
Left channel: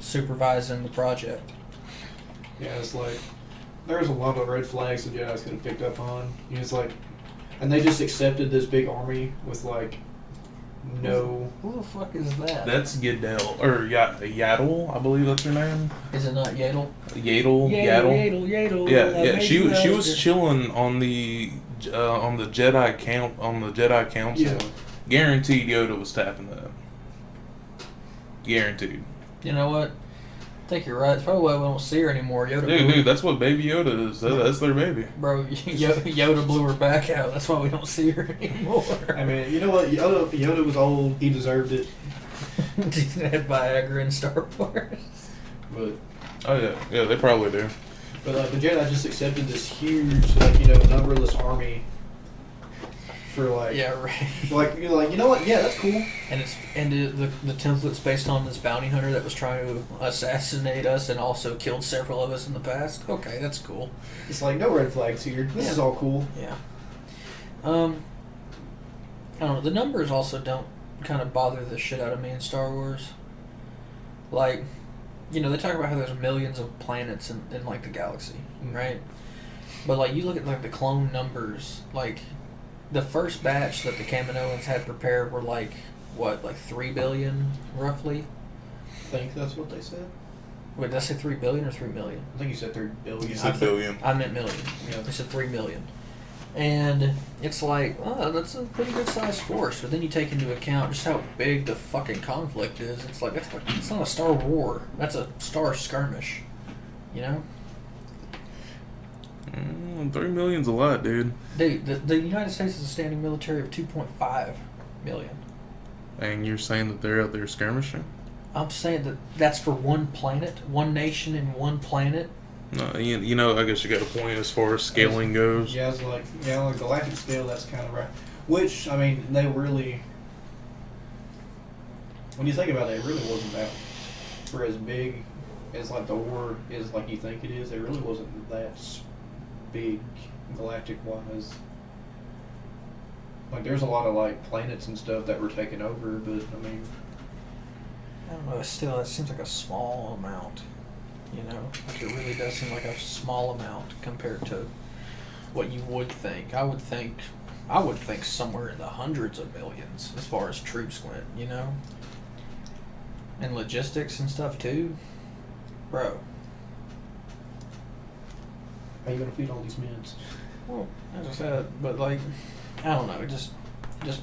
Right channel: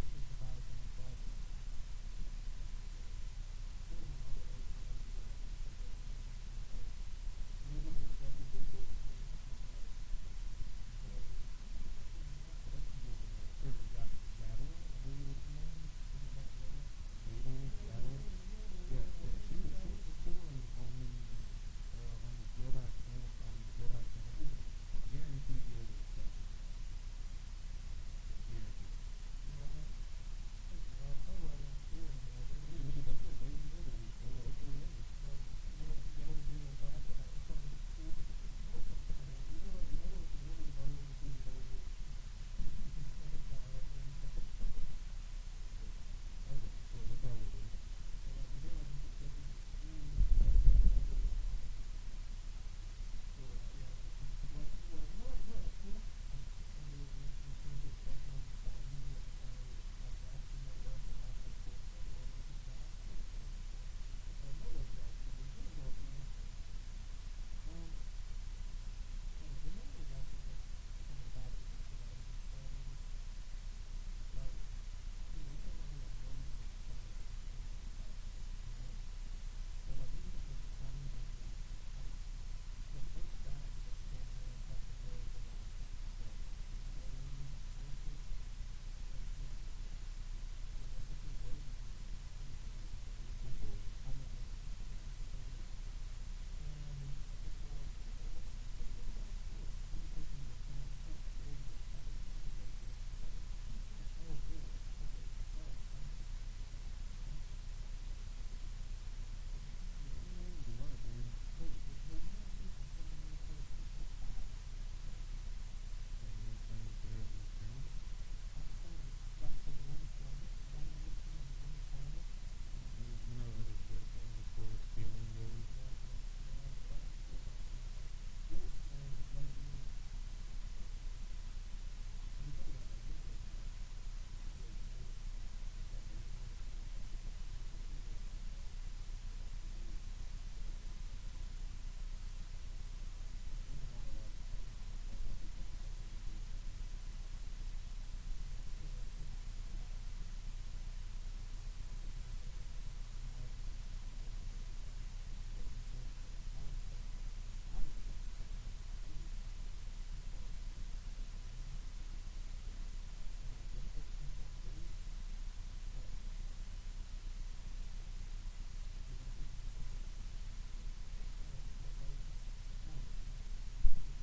supervising the project. Yeah, it's like there's a lot of red flags the Jedi's could have picked up on. It's like, and they just accepted this big army with like no. Who the fuck is that? That's Yaddle or Yaddle, I believe that's her name. Is it not Yaddle? Yaddle. Yaddle. Yeah. She was chilling on the Jedi Council. Yeah. Guaranteed Yoda was tapping that. Guaranteed. You know what? I think you're right. It's probably why we don't see her anymore. Dude, that's what Baby Yoda is. That's their baby. Bro, Yoda blew her back out. That's why we don't see her anymore. I mean, you know what? Yoda was old. He deserved it. He had Viagra in Star Wars. But Oh yeah, they probably do. the Jedi just accepted this huge numberless army for like Yeah, right. like you're like, you know what? Yeah, that's cool. And the template's based on this bounty hunter that was trying to assassinate us and also killed several of us in the past. Okay, that's cool. It's like no red flags here. This is all cool. Yeah. I don't know. The numbers also don't kind of bother the shit out of me in Star Wars. Like, they talk about how there's millions of planets in like the galaxy, right? But like you look at like the clone numbers, like the first batch that the Kaminoans had prepared were like what, like 3 billion roughly? I think that's what they said. Wait, did I say 3 billion or 3 million? I think you said 3 billion. You said billion. I meant million. Yeah. They said 3 million. And it's like, oh, that's a pretty good sized force. But then you take into account just how big the fucking conflict is. It's like, it's not a star war. That's a star skirmish. You know? 3 million's a lot, dude. Dude, the United States is a standing military of 2.5 million. And you're saying that they're out there skirmishing? I'm saying that that's for one planet, one nation and one planet. No, I guess you got a point as far as scaling goes. Yeah, it's like, on a galactic scale, that's kind of right. Which, I mean, they really, when you think about it, it really wasn't that, for as big as like the war is like you think it is, it really wasn't that big galactic wise. Like, there's a lot of like planets and stuff that were taken over, but I mean, I don't know, still, it seems like a small amount. Like it really does seem like a small amount compared to what you would think. I would think somewhere in the hundreds of millions as far as troops went, and logistics and stuff too, bro. how you gonna feed all these men? Well, as I said, but like, I don't know, it just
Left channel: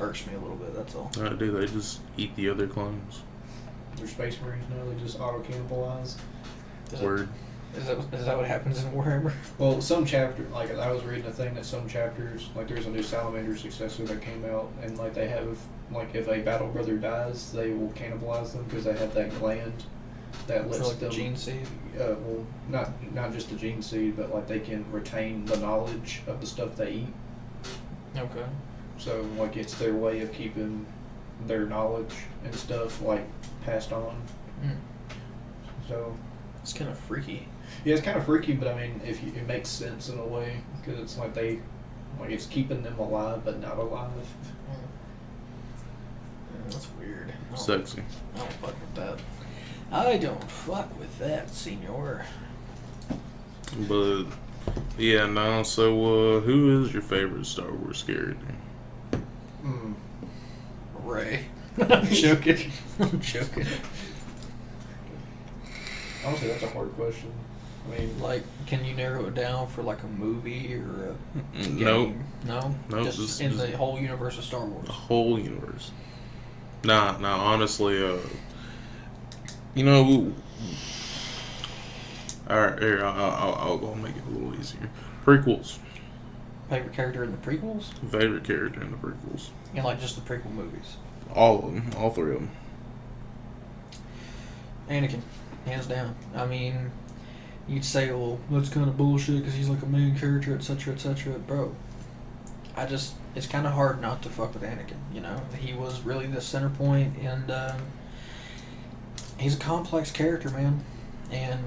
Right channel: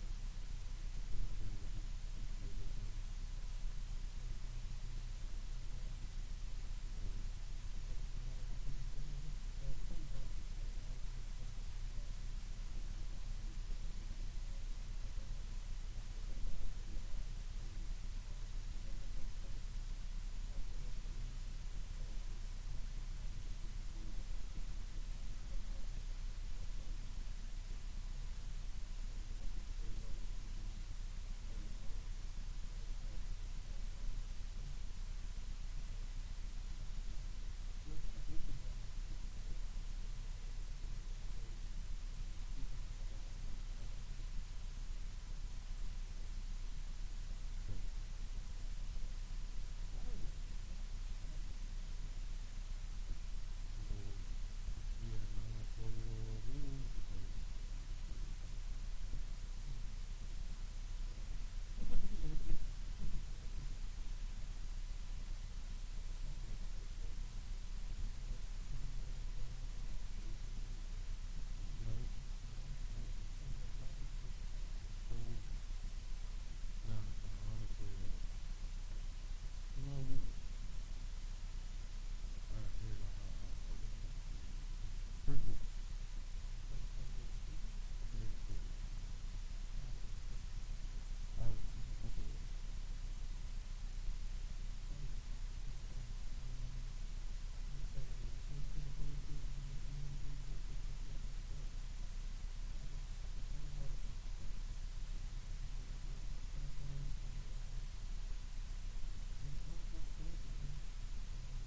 irks me a little bit. That's all. Do they just eat the other clones? They're space marines now. They just auto cannibalize. Word. Is that what happens in Warhammer? Well, some chapter, like I was reading a thing that some chapters, like there's a new Salamander successor that came out, and like they have, like if a battle brother dies, they will cannibalize them because they have that gland that lets For like them. the gene seed. Well, not just the gene seed, but like they can retain the knowledge of the stuff they eat. Okay. So like it's their way of keeping their knowledge and stuff like passed on. Mm. So It's kind of freaky. yeah, it's kind of freaky, but I mean, it makes sense in a way because it's like it's keeping them alive but not alive. That's weird. Sexy. I don't fuck with that. I don't fuck with that, senor. But yeah, no. So who is your favorite Star Wars character? Mm. Ray. I'm joking. I'm joking. Honestly, that's a hard question. I mean, Like, can you narrow it down for like a movie or a game? Nope. No? Nope, Just in the whole universe of Star Wars. The whole universe. Nah, honestly, you know, alright, here, I'll make it a little easier. Prequels. Favorite character in the prequels? Favorite character in the prequels. And like just the prequel movies. All of them. All three of them. Anakin, hands down. I mean, you'd say, well, that's kind of bullshit because he's like a main character, etc., etc. Bro, it's kind of hard not to fuck with Anakin, you know? He was really the center point, and he's a complex character, man. And,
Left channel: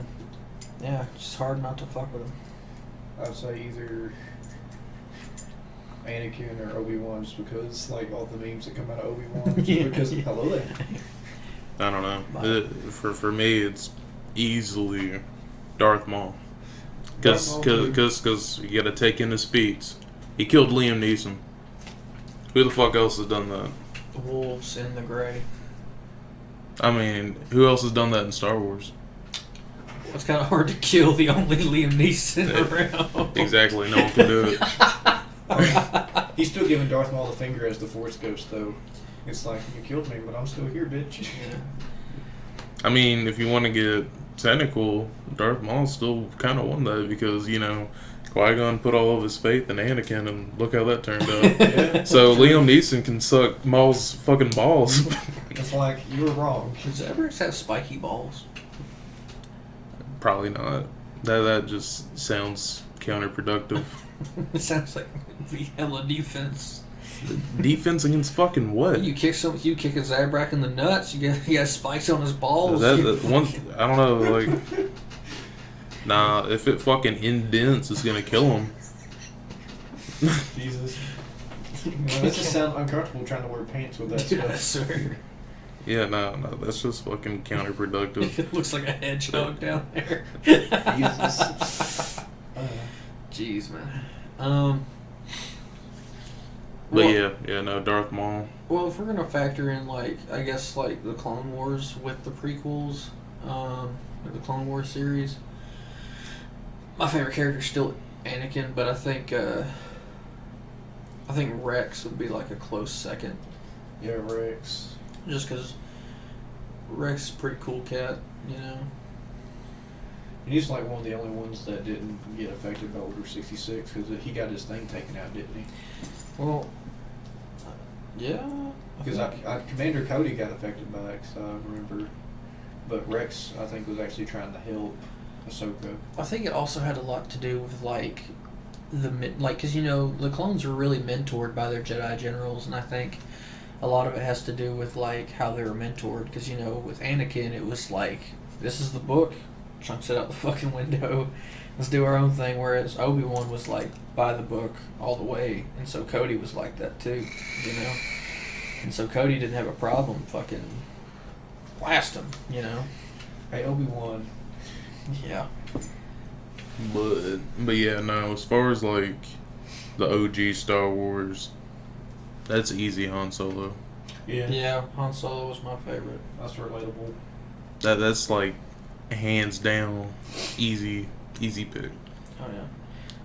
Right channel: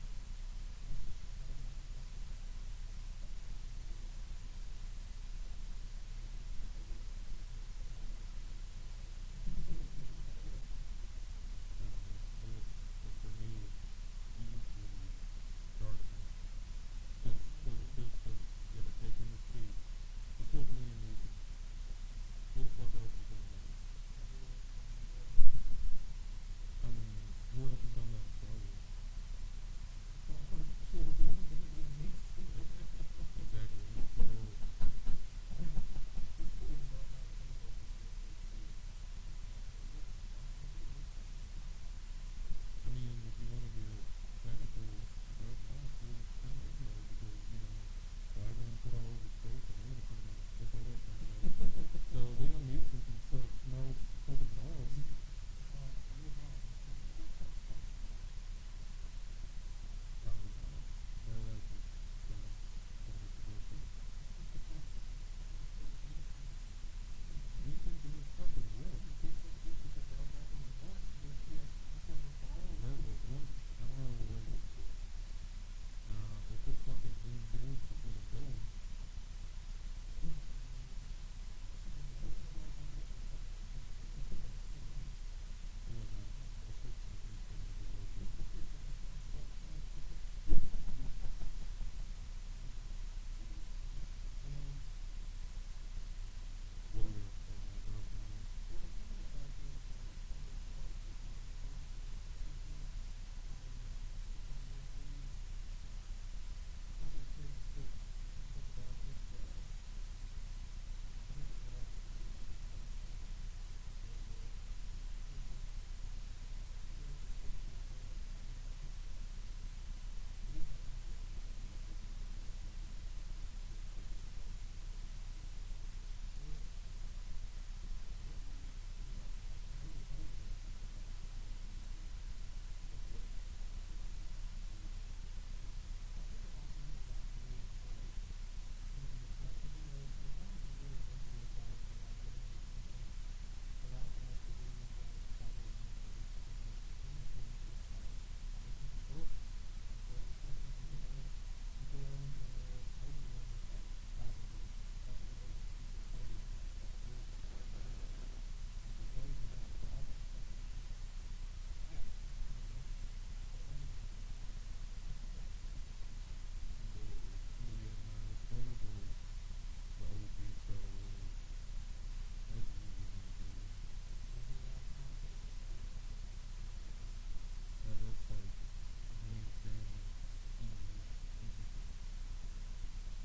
yeah, it's just hard not to fuck with him. I'd say either Anakin or Obi-Wan, just because like all the memes that come out of Obi-Wan. Yeah. Because hello there. I don't know. But- For me, it's easily Darth Maul. Darth Maul too. Because you gotta take in his feats. He killed Liam Neeson. Who the fuck else has done that? The wolves in the gray. I mean, who else has done that in Star Wars? It's kind of hard to kill the only Liam Neeson around. Exactly, no one can do it. He's still giving Darth Maul the finger as the Force Ghost, though. It's like, you killed me, but I'm still here, bitch. Yeah. I mean, if you want to get technical, Darth Maul still kind of won that because, you know, Qui-Gon put all of his faith in Anakin, and look how that turned out. Yeah. So Liam Neeson can suck Maul's fucking balls. It's like, you were wrong. Does Everest have spiky balls? Probably not. That just sounds counterproductive. It sounds like the hella defense. Defense against fucking what? You kick a Zabrak in the nuts. You got spikes on his balls. That one, I don't know. Like, nah, if it fucking indents, it's gonna kill him. Jesus. Well, that just sounds uncomfortable trying to wear pants with that Dude, I stuff. swear. Yeah, no, that's just fucking counterproductive. It looks like a hedgehog down there. Jesus. Jeez, man. But Well- yeah, no, Darth Maul. Well, if we're gonna factor in like I guess like the Clone Wars with the prequels, with the Clone Wars series, my favorite character is still Anakin, but I think Rex would be like a close second, Yeah, Rex. just because Rex is a pretty cool cat, you know. And he's like one of the only ones that didn't get affected by Order 66 because he got his thing taken out, didn't he? Well, yeah. Because Commander Cody got affected by it, so I remember. But Rex, I think, was actually trying to help Ahsoka. I think it also had a lot to do with like because you know the clones were really mentored by their Jedi generals, and I think a lot of it has to do with like how they were mentored. Because you know with Anakin, it was like this is the book, chunks it out the fucking window, let's do our own thing. Whereas Obi-Wan was like by the book all the way, and so Cody was like that too, you know. And so Cody didn't have a problem fucking blast him, you know. Hey, Obi-Wan. Yeah. But yeah, no. As far as like the OG Star Wars, that's easy Han Solo. Yeah. Yeah, Han Solo was my favorite. That's relatable. That's like hands down easy pick. Oh yeah,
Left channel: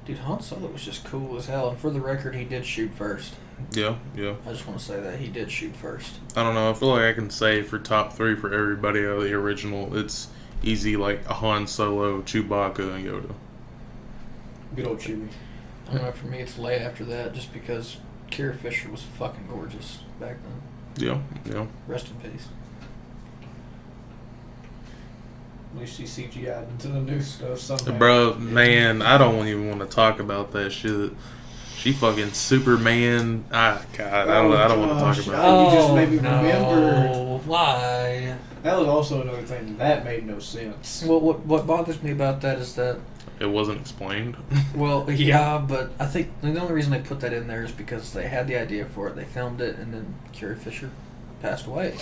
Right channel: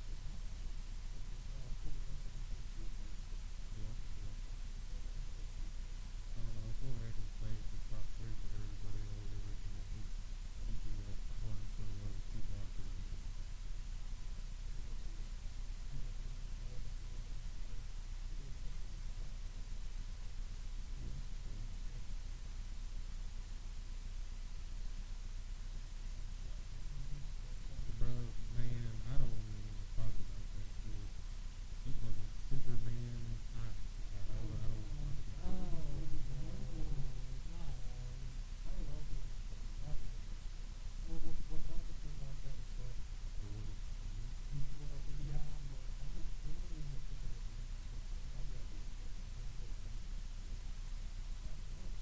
dude, Han Solo was just cool as hell. And for the record, he did shoot first. Yeah. I just want to say that he did shoot first. I don't know. I feel like I can say for top 3 for everybody out of the original, it's easy like a Han Solo, Chewbacca, and Yoda. Good old Chewie. I don't know, for me it's Leia after that, just because Carrie Fisher was fucking gorgeous back then. Yeah. Rest in peace. At least she CGI'd into the new stuff somehow. Bro, man, I don't even want to talk about that shit. She fucking Superman. God, I don't want to talk about it. You just made me remember. Why? That was also another thing that made no sense. Well, what bothers me about that is that, It wasn't explained. well, yeah, but I think the only reason they put that in there is because they had the idea for it, they filmed it, and then Carrie Fisher passed away.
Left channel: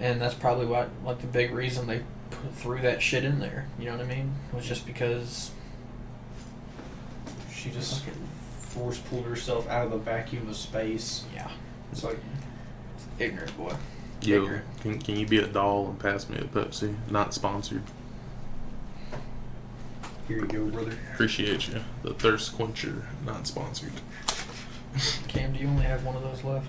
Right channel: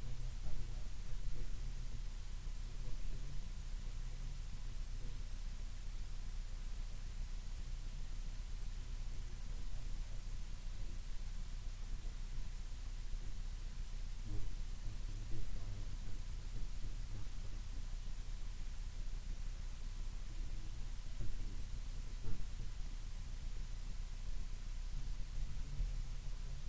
And that's probably why, like, the big reason they threw that shit in there, you know what I mean? Was just because She just force pulled herself out of the vacuum of space. yeah, It's like, ignorant boy. Yo, Ignorant. can you be a doll and pass me a Pepsi? Not sponsored. here you go, brother. Appreciate you. The thirst quencher, not sponsored. Cam, do you only have one of those left?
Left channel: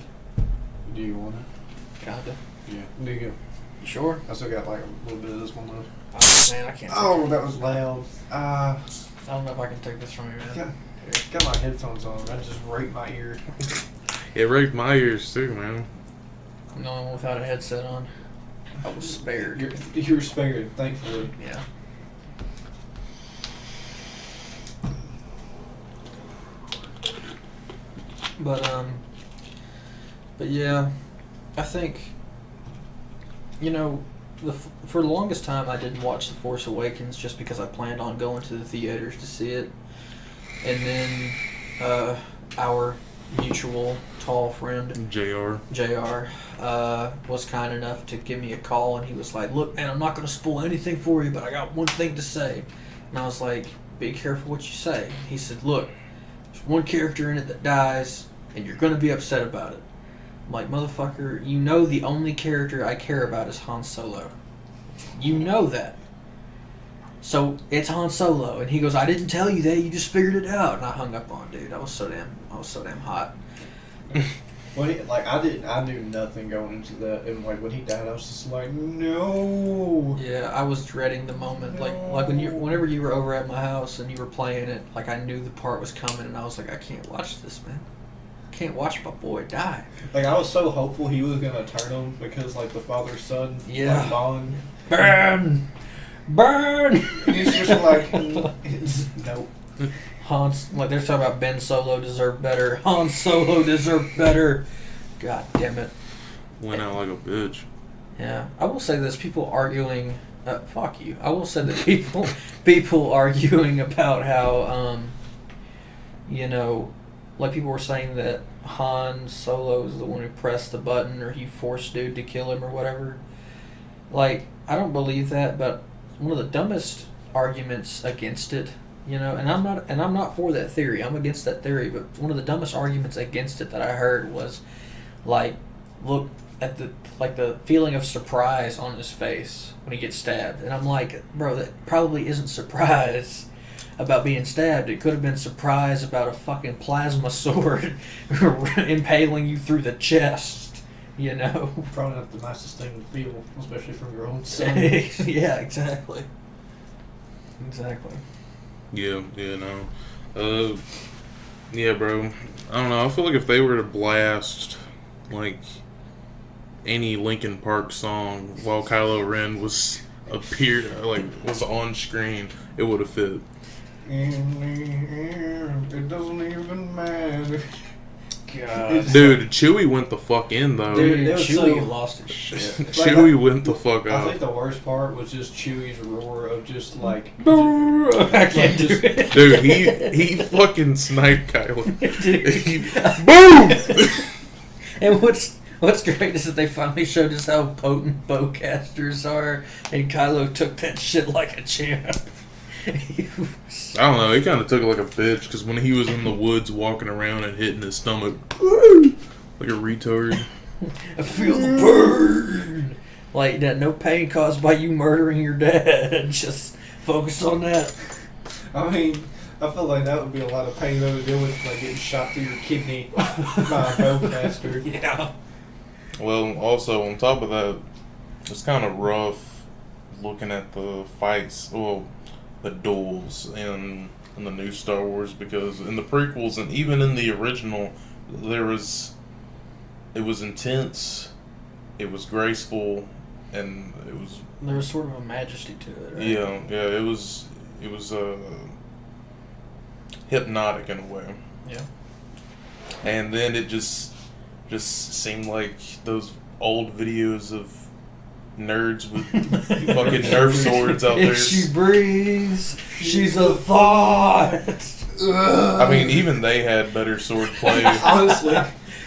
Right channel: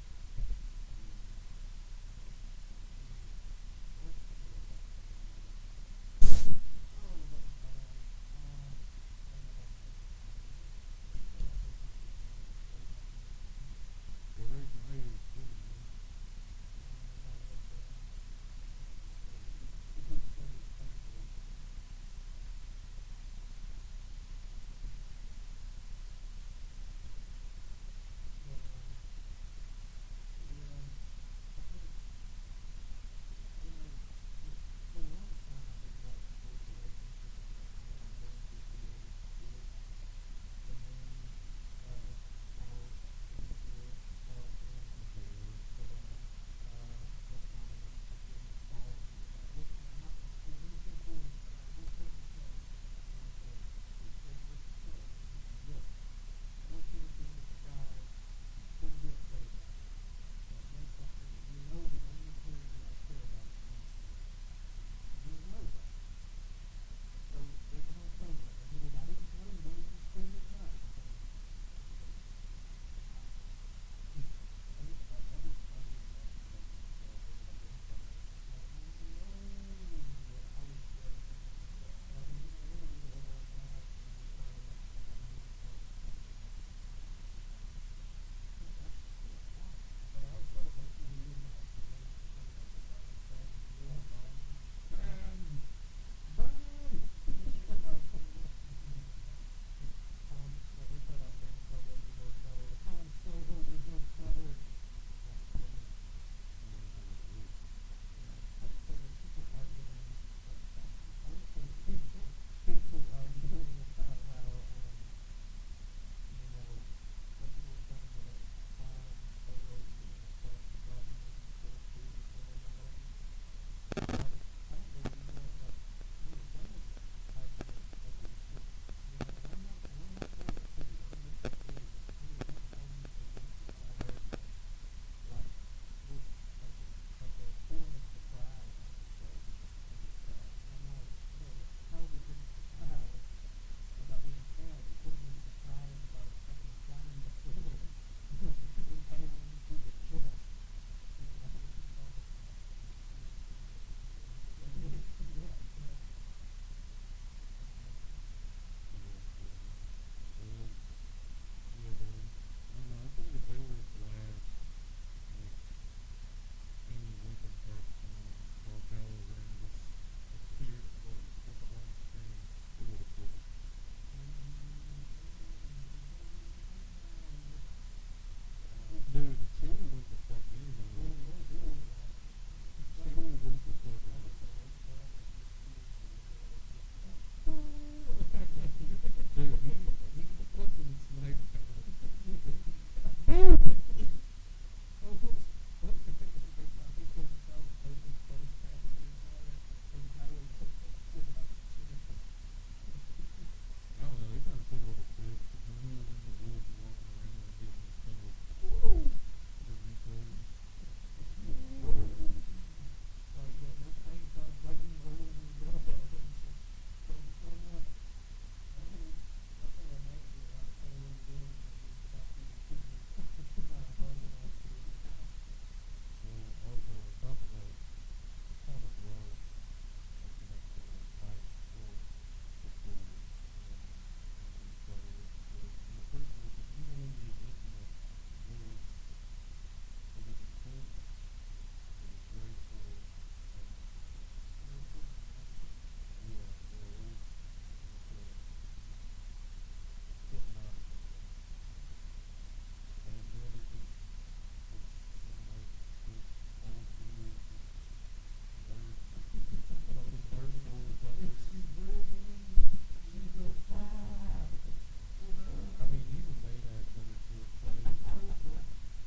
Do you want it? Kinda. Yeah. There you go. You sure? I still got like a little bit of this one left. Oh, man, I can't. Oh, that was loud. I don't know if I can take this from you, man. Got my headphones on. That just raped my ear. It raked my ears too, man. I'm the only one without a headset on. I was spared. You're spared, thankfully. Yeah. But yeah, I think, you know, for the longest time I didn't watch The Force Awakens just because I planned on going to the theaters to see it. And then our mutual tall friend, JR, was kind enough to give me a call, and he was like, look, man, I'm not going to spoil anything for you, but I got one thing to say. And I was like, be careful what you say. He said, look, there's one character in it that dies, and you're going to be upset about it. I'm like, motherfucker, you know the only character I care about is Han Solo. You know that. So it's Han Solo. And he goes, I didn't tell you that, you just figured it out. And I hung up on dude. I was so damn hot. Well, I knew nothing going into that, and like when he died, I was just like, no. Yeah, I was dreading the moment. Like whenever you were over at my house and you were playing it, like I knew the part was coming, and I was like, I can't watch this, man. I can't watch my boy die. Like I was so hopeful he was gonna turn him because like the father son Yeah. bond. Burn! He's just like, nope. Like they're talking about Ben Solo deserved better. Han Solo deserved better. God damn it. Went out like a bitch. Yeah, I will say this: people arguing. Fuck you. I will say that people arguing about how, you know, like people were saying that Han Solo is the one who pressed the button or he forced dude to kill him or whatever. Like, I don't believe that, but one of the dumbest arguments against it, you know, and I'm not for that theory. I'm against that theory, but one of the dumbest arguments against it that I heard was, like, look at the feeling of surprise on his face when he gets stabbed, and I'm like, bro, that probably isn't surprise about being stabbed. It could have been surprise about a fucking plasma sword impaling you through the chest, you know. Probably not the nicest thing to feel, especially from your own son. Yeah, exactly. Yeah, no. Yeah, bro. I don't know. I feel like if they were to blast, like, any Linkin Park song while Kylo Ren was on screen, it would have fit. In the air, it doesn't even matter. God. Dude, Chewie went the fuck in, though. Dude, it was Chewie so- lost his shit. Chewie went the fuck I out. think the worst part was just Chewie's roar of just like, I can't do it. Dude, he fucking sniped Kylo. Dude. Boom! And what's great is that they finally showed us how potent bowcasters are, and Kylo took that shit like a champ. I don't know, he kind of took it like a bitch, because when he was in the woods walking around and hitting his stomach, like a retard. I feel the burn. Like that, no pain caused by you murdering your dad. Just focus on that. I mean, I feel like that would be a lot of pain though to deal with, like getting shot through your kidney by a bowcaster. Yeah. Well, also, on top of that, it's kind of rough looking at the fights, well, the duels in the new Star Wars, because in the prequels and even in the original, it was intense, it was graceful, and it was There was sort of a majesty to it, right? yeah, it was hypnotic in a way. Yeah. And then it just seemed like those old videos of nerds with fucking Nerf swords out there. If she breathes, she's a thought. I mean, even they had better sword play. Honestly.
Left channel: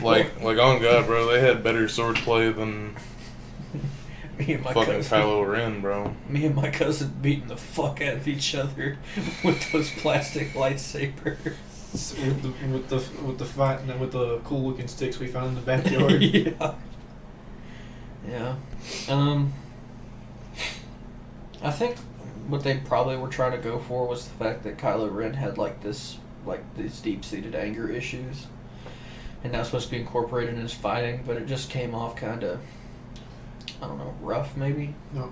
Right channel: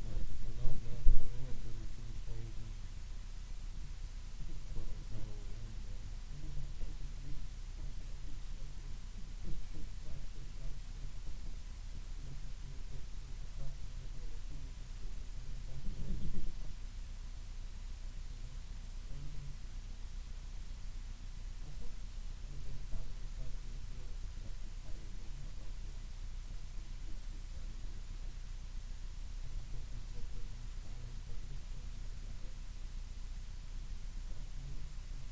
Like on God, bro, they had better sword play than Me and my fucking cousin. Kylo Ren, bro. Me and my cousin beating the fuck out of each other with those plastic lightsabers. with the fight and with the cool looking sticks we found in the backyard. Yeah. Yeah. I think what they probably were trying to go for was the fact that Kylo Ren had these deep-seated anger issues, and that was supposed to be incorporated in his fighting, but it just came off kind of, I don't know, rough maybe. No,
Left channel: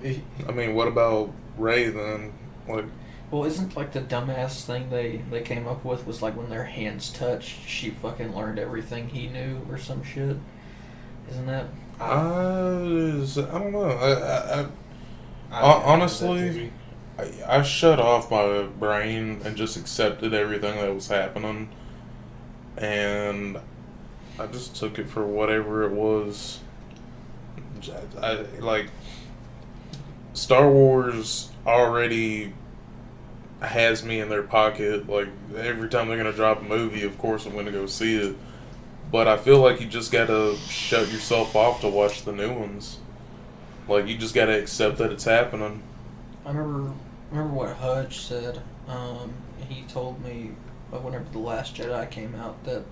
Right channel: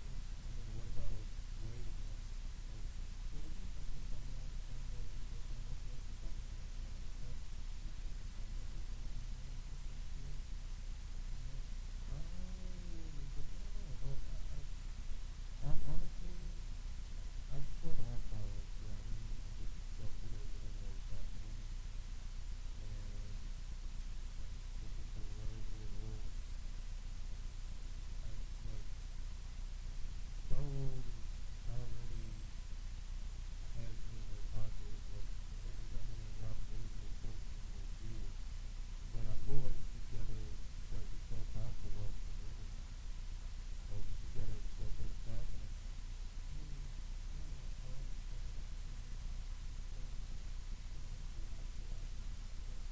I mean, what about Rey then? Like, Well, isn't the dumbass thing they came up with was when their hands touched, she fucking learned everything he knew or some shit? Isn't that? I don't know. I Honestly, I shut off my brain and just accepted everything that was happening, and I just took it for whatever it was. Star Wars already has me in their pocket. Like, every time they're gonna drop a movie, of course I'm gonna go see it. But I feel like you just gotta shut yourself off to watch the new ones. Like, you just gotta accept that it's happening. I remember what Hudge said. He told me whenever The Last Jedi came out that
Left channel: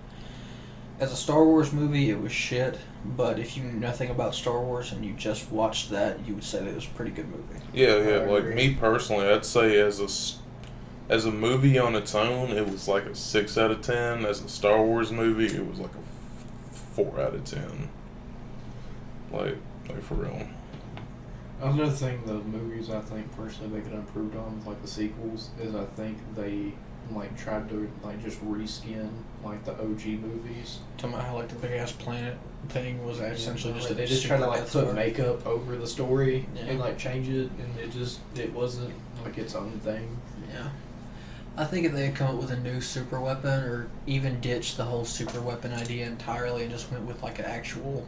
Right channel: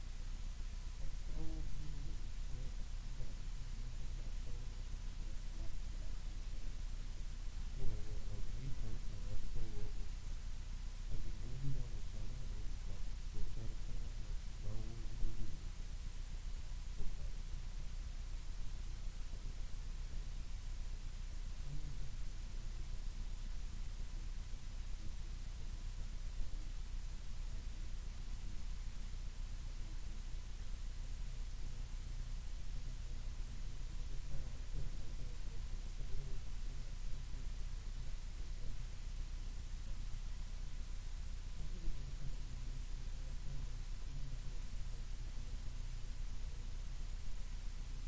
as a Star Wars movie it was shit, but if you knew nothing about Star Wars and you just watched that, you would say that it was a pretty good movie. Yeah, I like agree. me personally, I'd say as a movie on its own, it was like a 6 out of 10. As a Star Wars movie, it was like a 4 out of 10. Like for real. Another thing, the movies I think personally they could have improved on, the sequels, is I think they tried to just reskin the OG movies. Talking about how the big ass planet thing was essentially just they a just tried to super Death put Star. makeup over the story Yeah. and change it, and it wasn't its own thing. Yeah. I think if they had come up with a new super weapon, or even ditched the whole super weapon idea entirely and just went with an actual,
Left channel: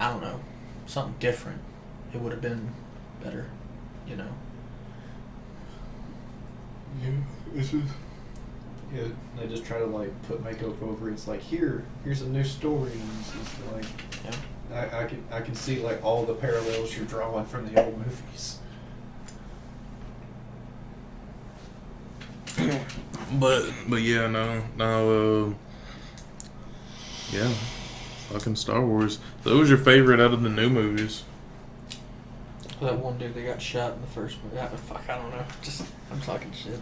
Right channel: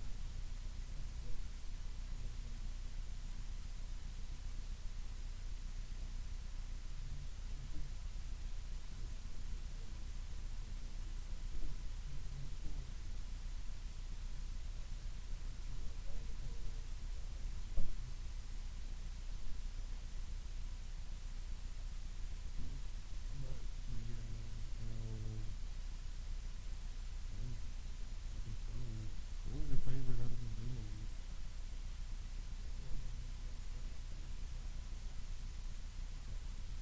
I don't know, something different, it would have been better, you know. Yeah, it's just they just try to put makeup over it. It's here's a new story, and it's just Yeah. I can see all the parallels you're drawing from the old movies. But yeah, no, yeah, fucking Star Wars. So what was your favorite out of the new movies? That one dude that got shot in the first movie. I don't know. I'm talking shit.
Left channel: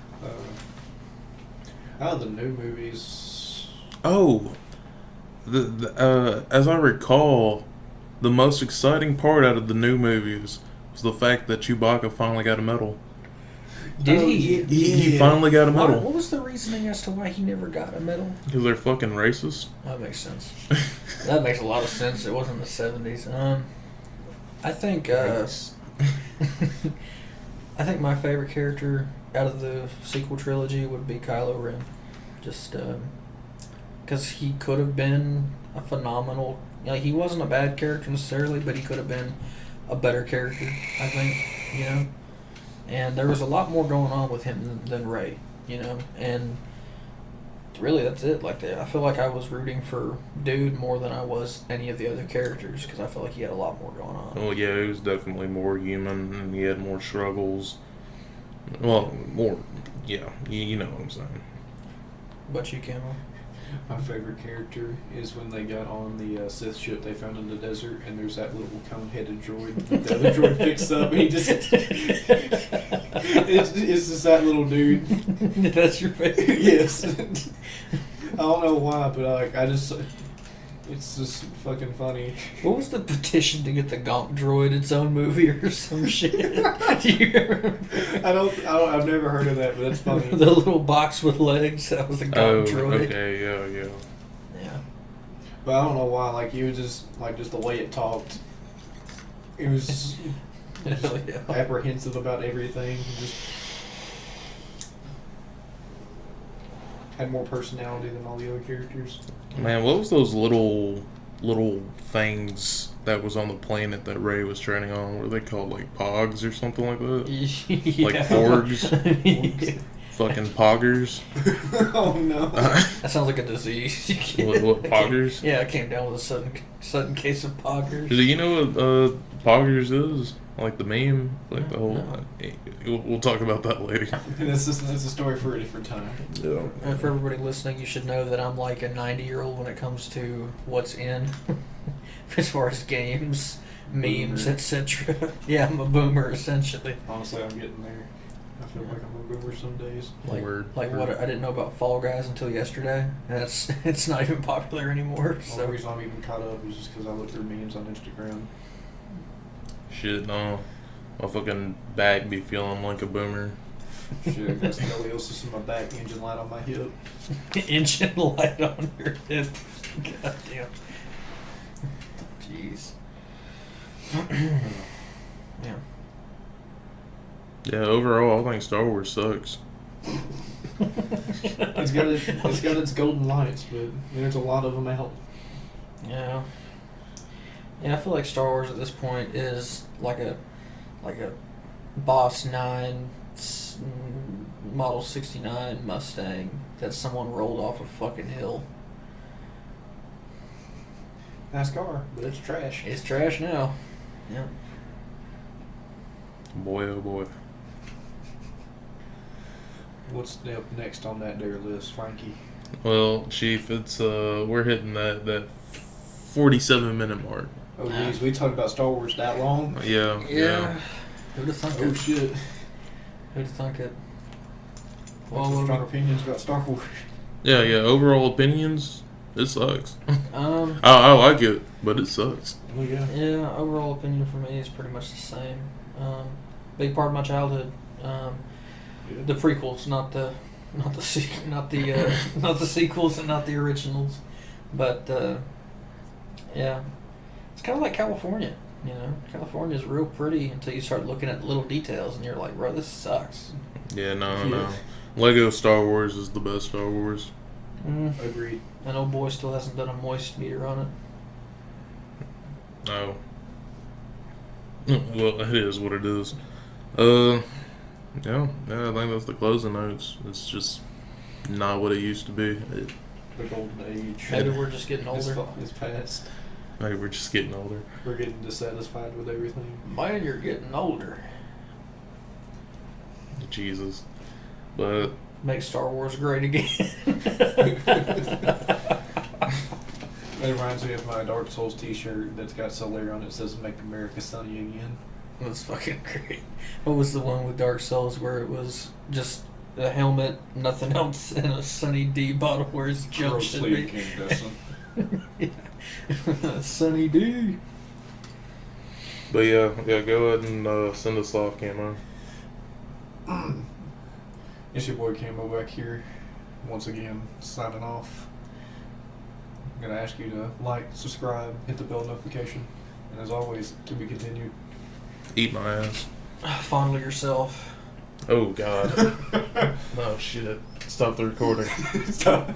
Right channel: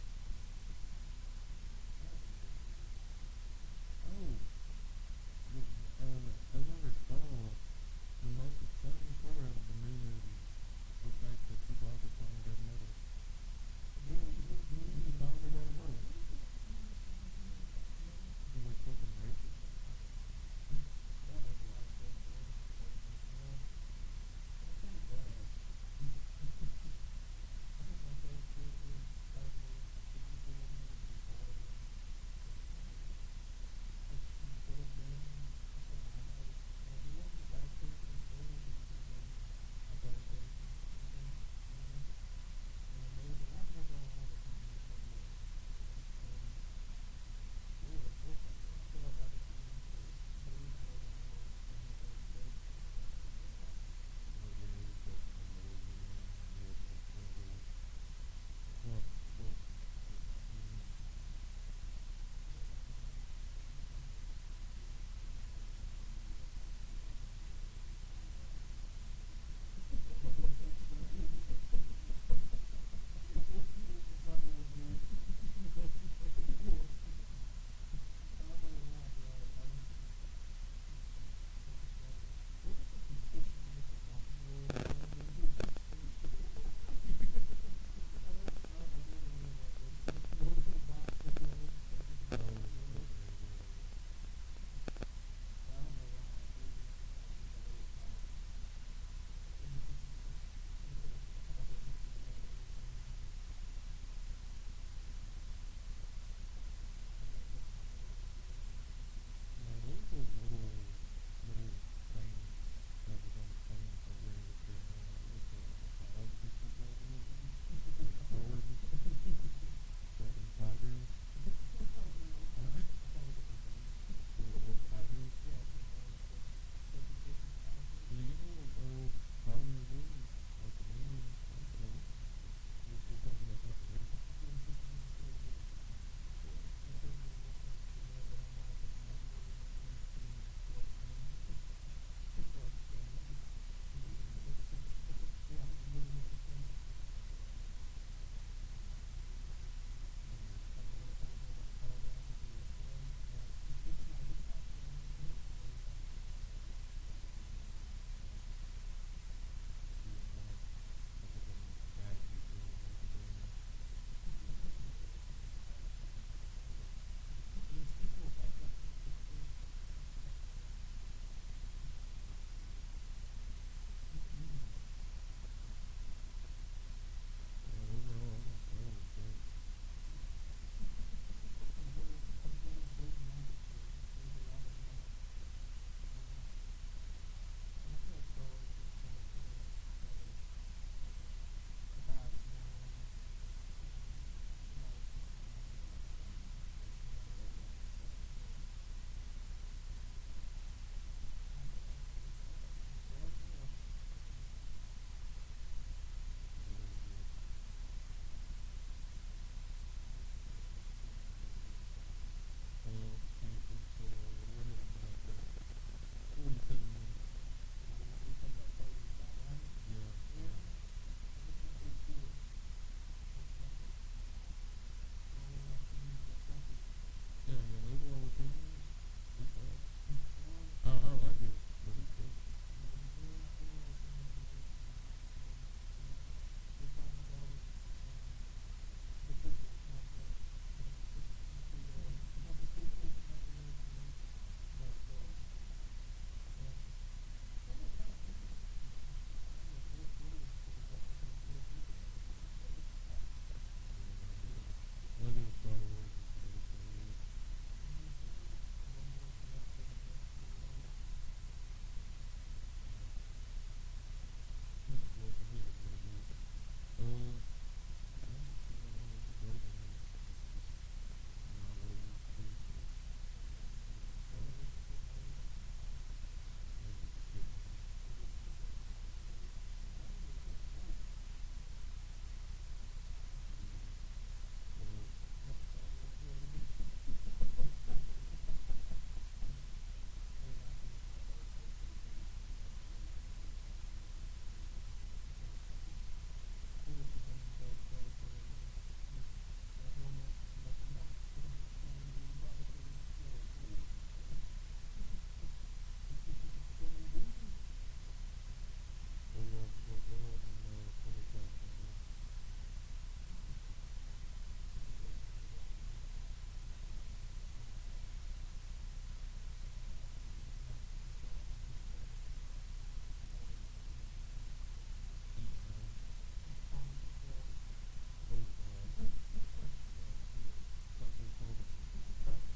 Out of the new movies, Oh, as I recall, the most exciting part out of the new movies was the fact that Chewbacca finally got a medal. Did Oh, he? He finally got a medal. What was the reasoning as to why he never got a medal? Because they're fucking racist. That makes sense. That makes a lot of sense. It wasn't the 70s. I think I think my favorite character out of the sequel trilogy would be Kylo Ren. Just because he could have been a phenomenal. He wasn't a bad character necessarily, but he could have been a better character, I think. You know, and there was a lot more going on with him than Rey. You know, and really that's it. I feel like I was rooting for Dude more than I was any of the other characters because I felt like he had a lot more going on. Well, yeah, he was definitely more human, and he had more struggles. Well, more, yeah, you know what I'm saying. But you, Camo? my favorite character is when they got on the Sith ship they found in the desert, and there's that little cone-headed droid. The other droid picks up, and he just it's just that little dude. That's your favorite? Yes. I don't know why, but I just It's just fucking funny. What was the petition to get the Gonk droid its own movie or some shit? Do you remember? I've never heard of that, but that's funny. The little box with legs. That was the Gonk droid. Okay, yeah. Yeah. But I don't know why. Like you just the way it talked. It was Hell yeah. apprehensive about everything. Just had more personality than all the other characters. Man, what was those little things that was on the planet that Ray was training on? Were they called like pogs or something like that? Yeah. Like porgs? Yeah. Fucking poggers? Oh no. That sounds like a disease. What poggers? Yeah, I came down with a sudden case of poggers. Do you know what poggers is? Like the meme? Like the whole... We'll talk about that later. That's a story for a different time. Yeah. And for everybody listening, you should know that I'm like a 90-year-old when it comes to what's in, as far as games, memes, etc. Yeah, I'm a boomer essentially. Honestly, I'm getting there. I feel like I'm a boomer some days. Like what I didn't know about Fall Guys until yesterday, and it's not even popular anymore. The So only reason I'm even caught up is just because I look through memes on Instagram. Shit, no. My fucking back be feeling like a boomer. Shit, I got scoliosis in my back, engine light on my hip. engine light on your hip. God damn. Jeez. Yeah. Yeah, overall, I think Star Wars sucks. It's got its golden lights, but there's a lot of them out. Yeah. Yeah, I feel like Star Wars at this point is like a Boss 9 Model 69 Mustang that someone rolled off a fucking hill. Nice car, but it's trash. It's trash now. Yeah. Boy, oh boy. What's up next on that there list, Frankie? Well, Chief, it's we're hitting that 47-minute mark. Oh geez, we talked about Star Wars that long? Yeah. Who'd have thunk Oh it? shit. Who'd have thunk it? What's your strong opinions about Star Wars? Yeah. Overall opinions, it sucks. Um. I like it, but it sucks. Oh yeah. Yeah. Overall opinion for me is pretty much the same. Big part of my childhood. The prequels, not the sequels and not the originals, but yeah, it's kind of like California. You know, California is real pretty until you start looking at little details, and you're like, bro, this sucks. Yeah, no. Lego Star Wars is the best Star Wars. Agreed. And old boy still hasn't done a moist meter on it. No. Well, it is what it is. Yeah, I think that's the closing notes. It's just not what it used to be. The golden age. Maybe we're just getting older. It's past. Maybe we're just getting older. We're getting dissatisfied with everything. Man, you're getting older. Jesus. But Make Star Wars great again. It reminds me of my Dark Souls t-shirt that's got Solaire on it. It says "Make America Sunny Again." That's fucking great. What was the one with Dark Souls where it was just a helmet, nothing else, and a Sunny D bottle where his jump should Grossly be? incandescent. Sunny D. But yeah, go ahead and send us off, Camo. It's your boy Camo back here, once again, signing off. I'm going to ask you to like, subscribe, hit the bell notification, and as always, to be continued. Eat my ass. Fondle yourself. Oh, God. Oh, shit. Stop the recording. Stop.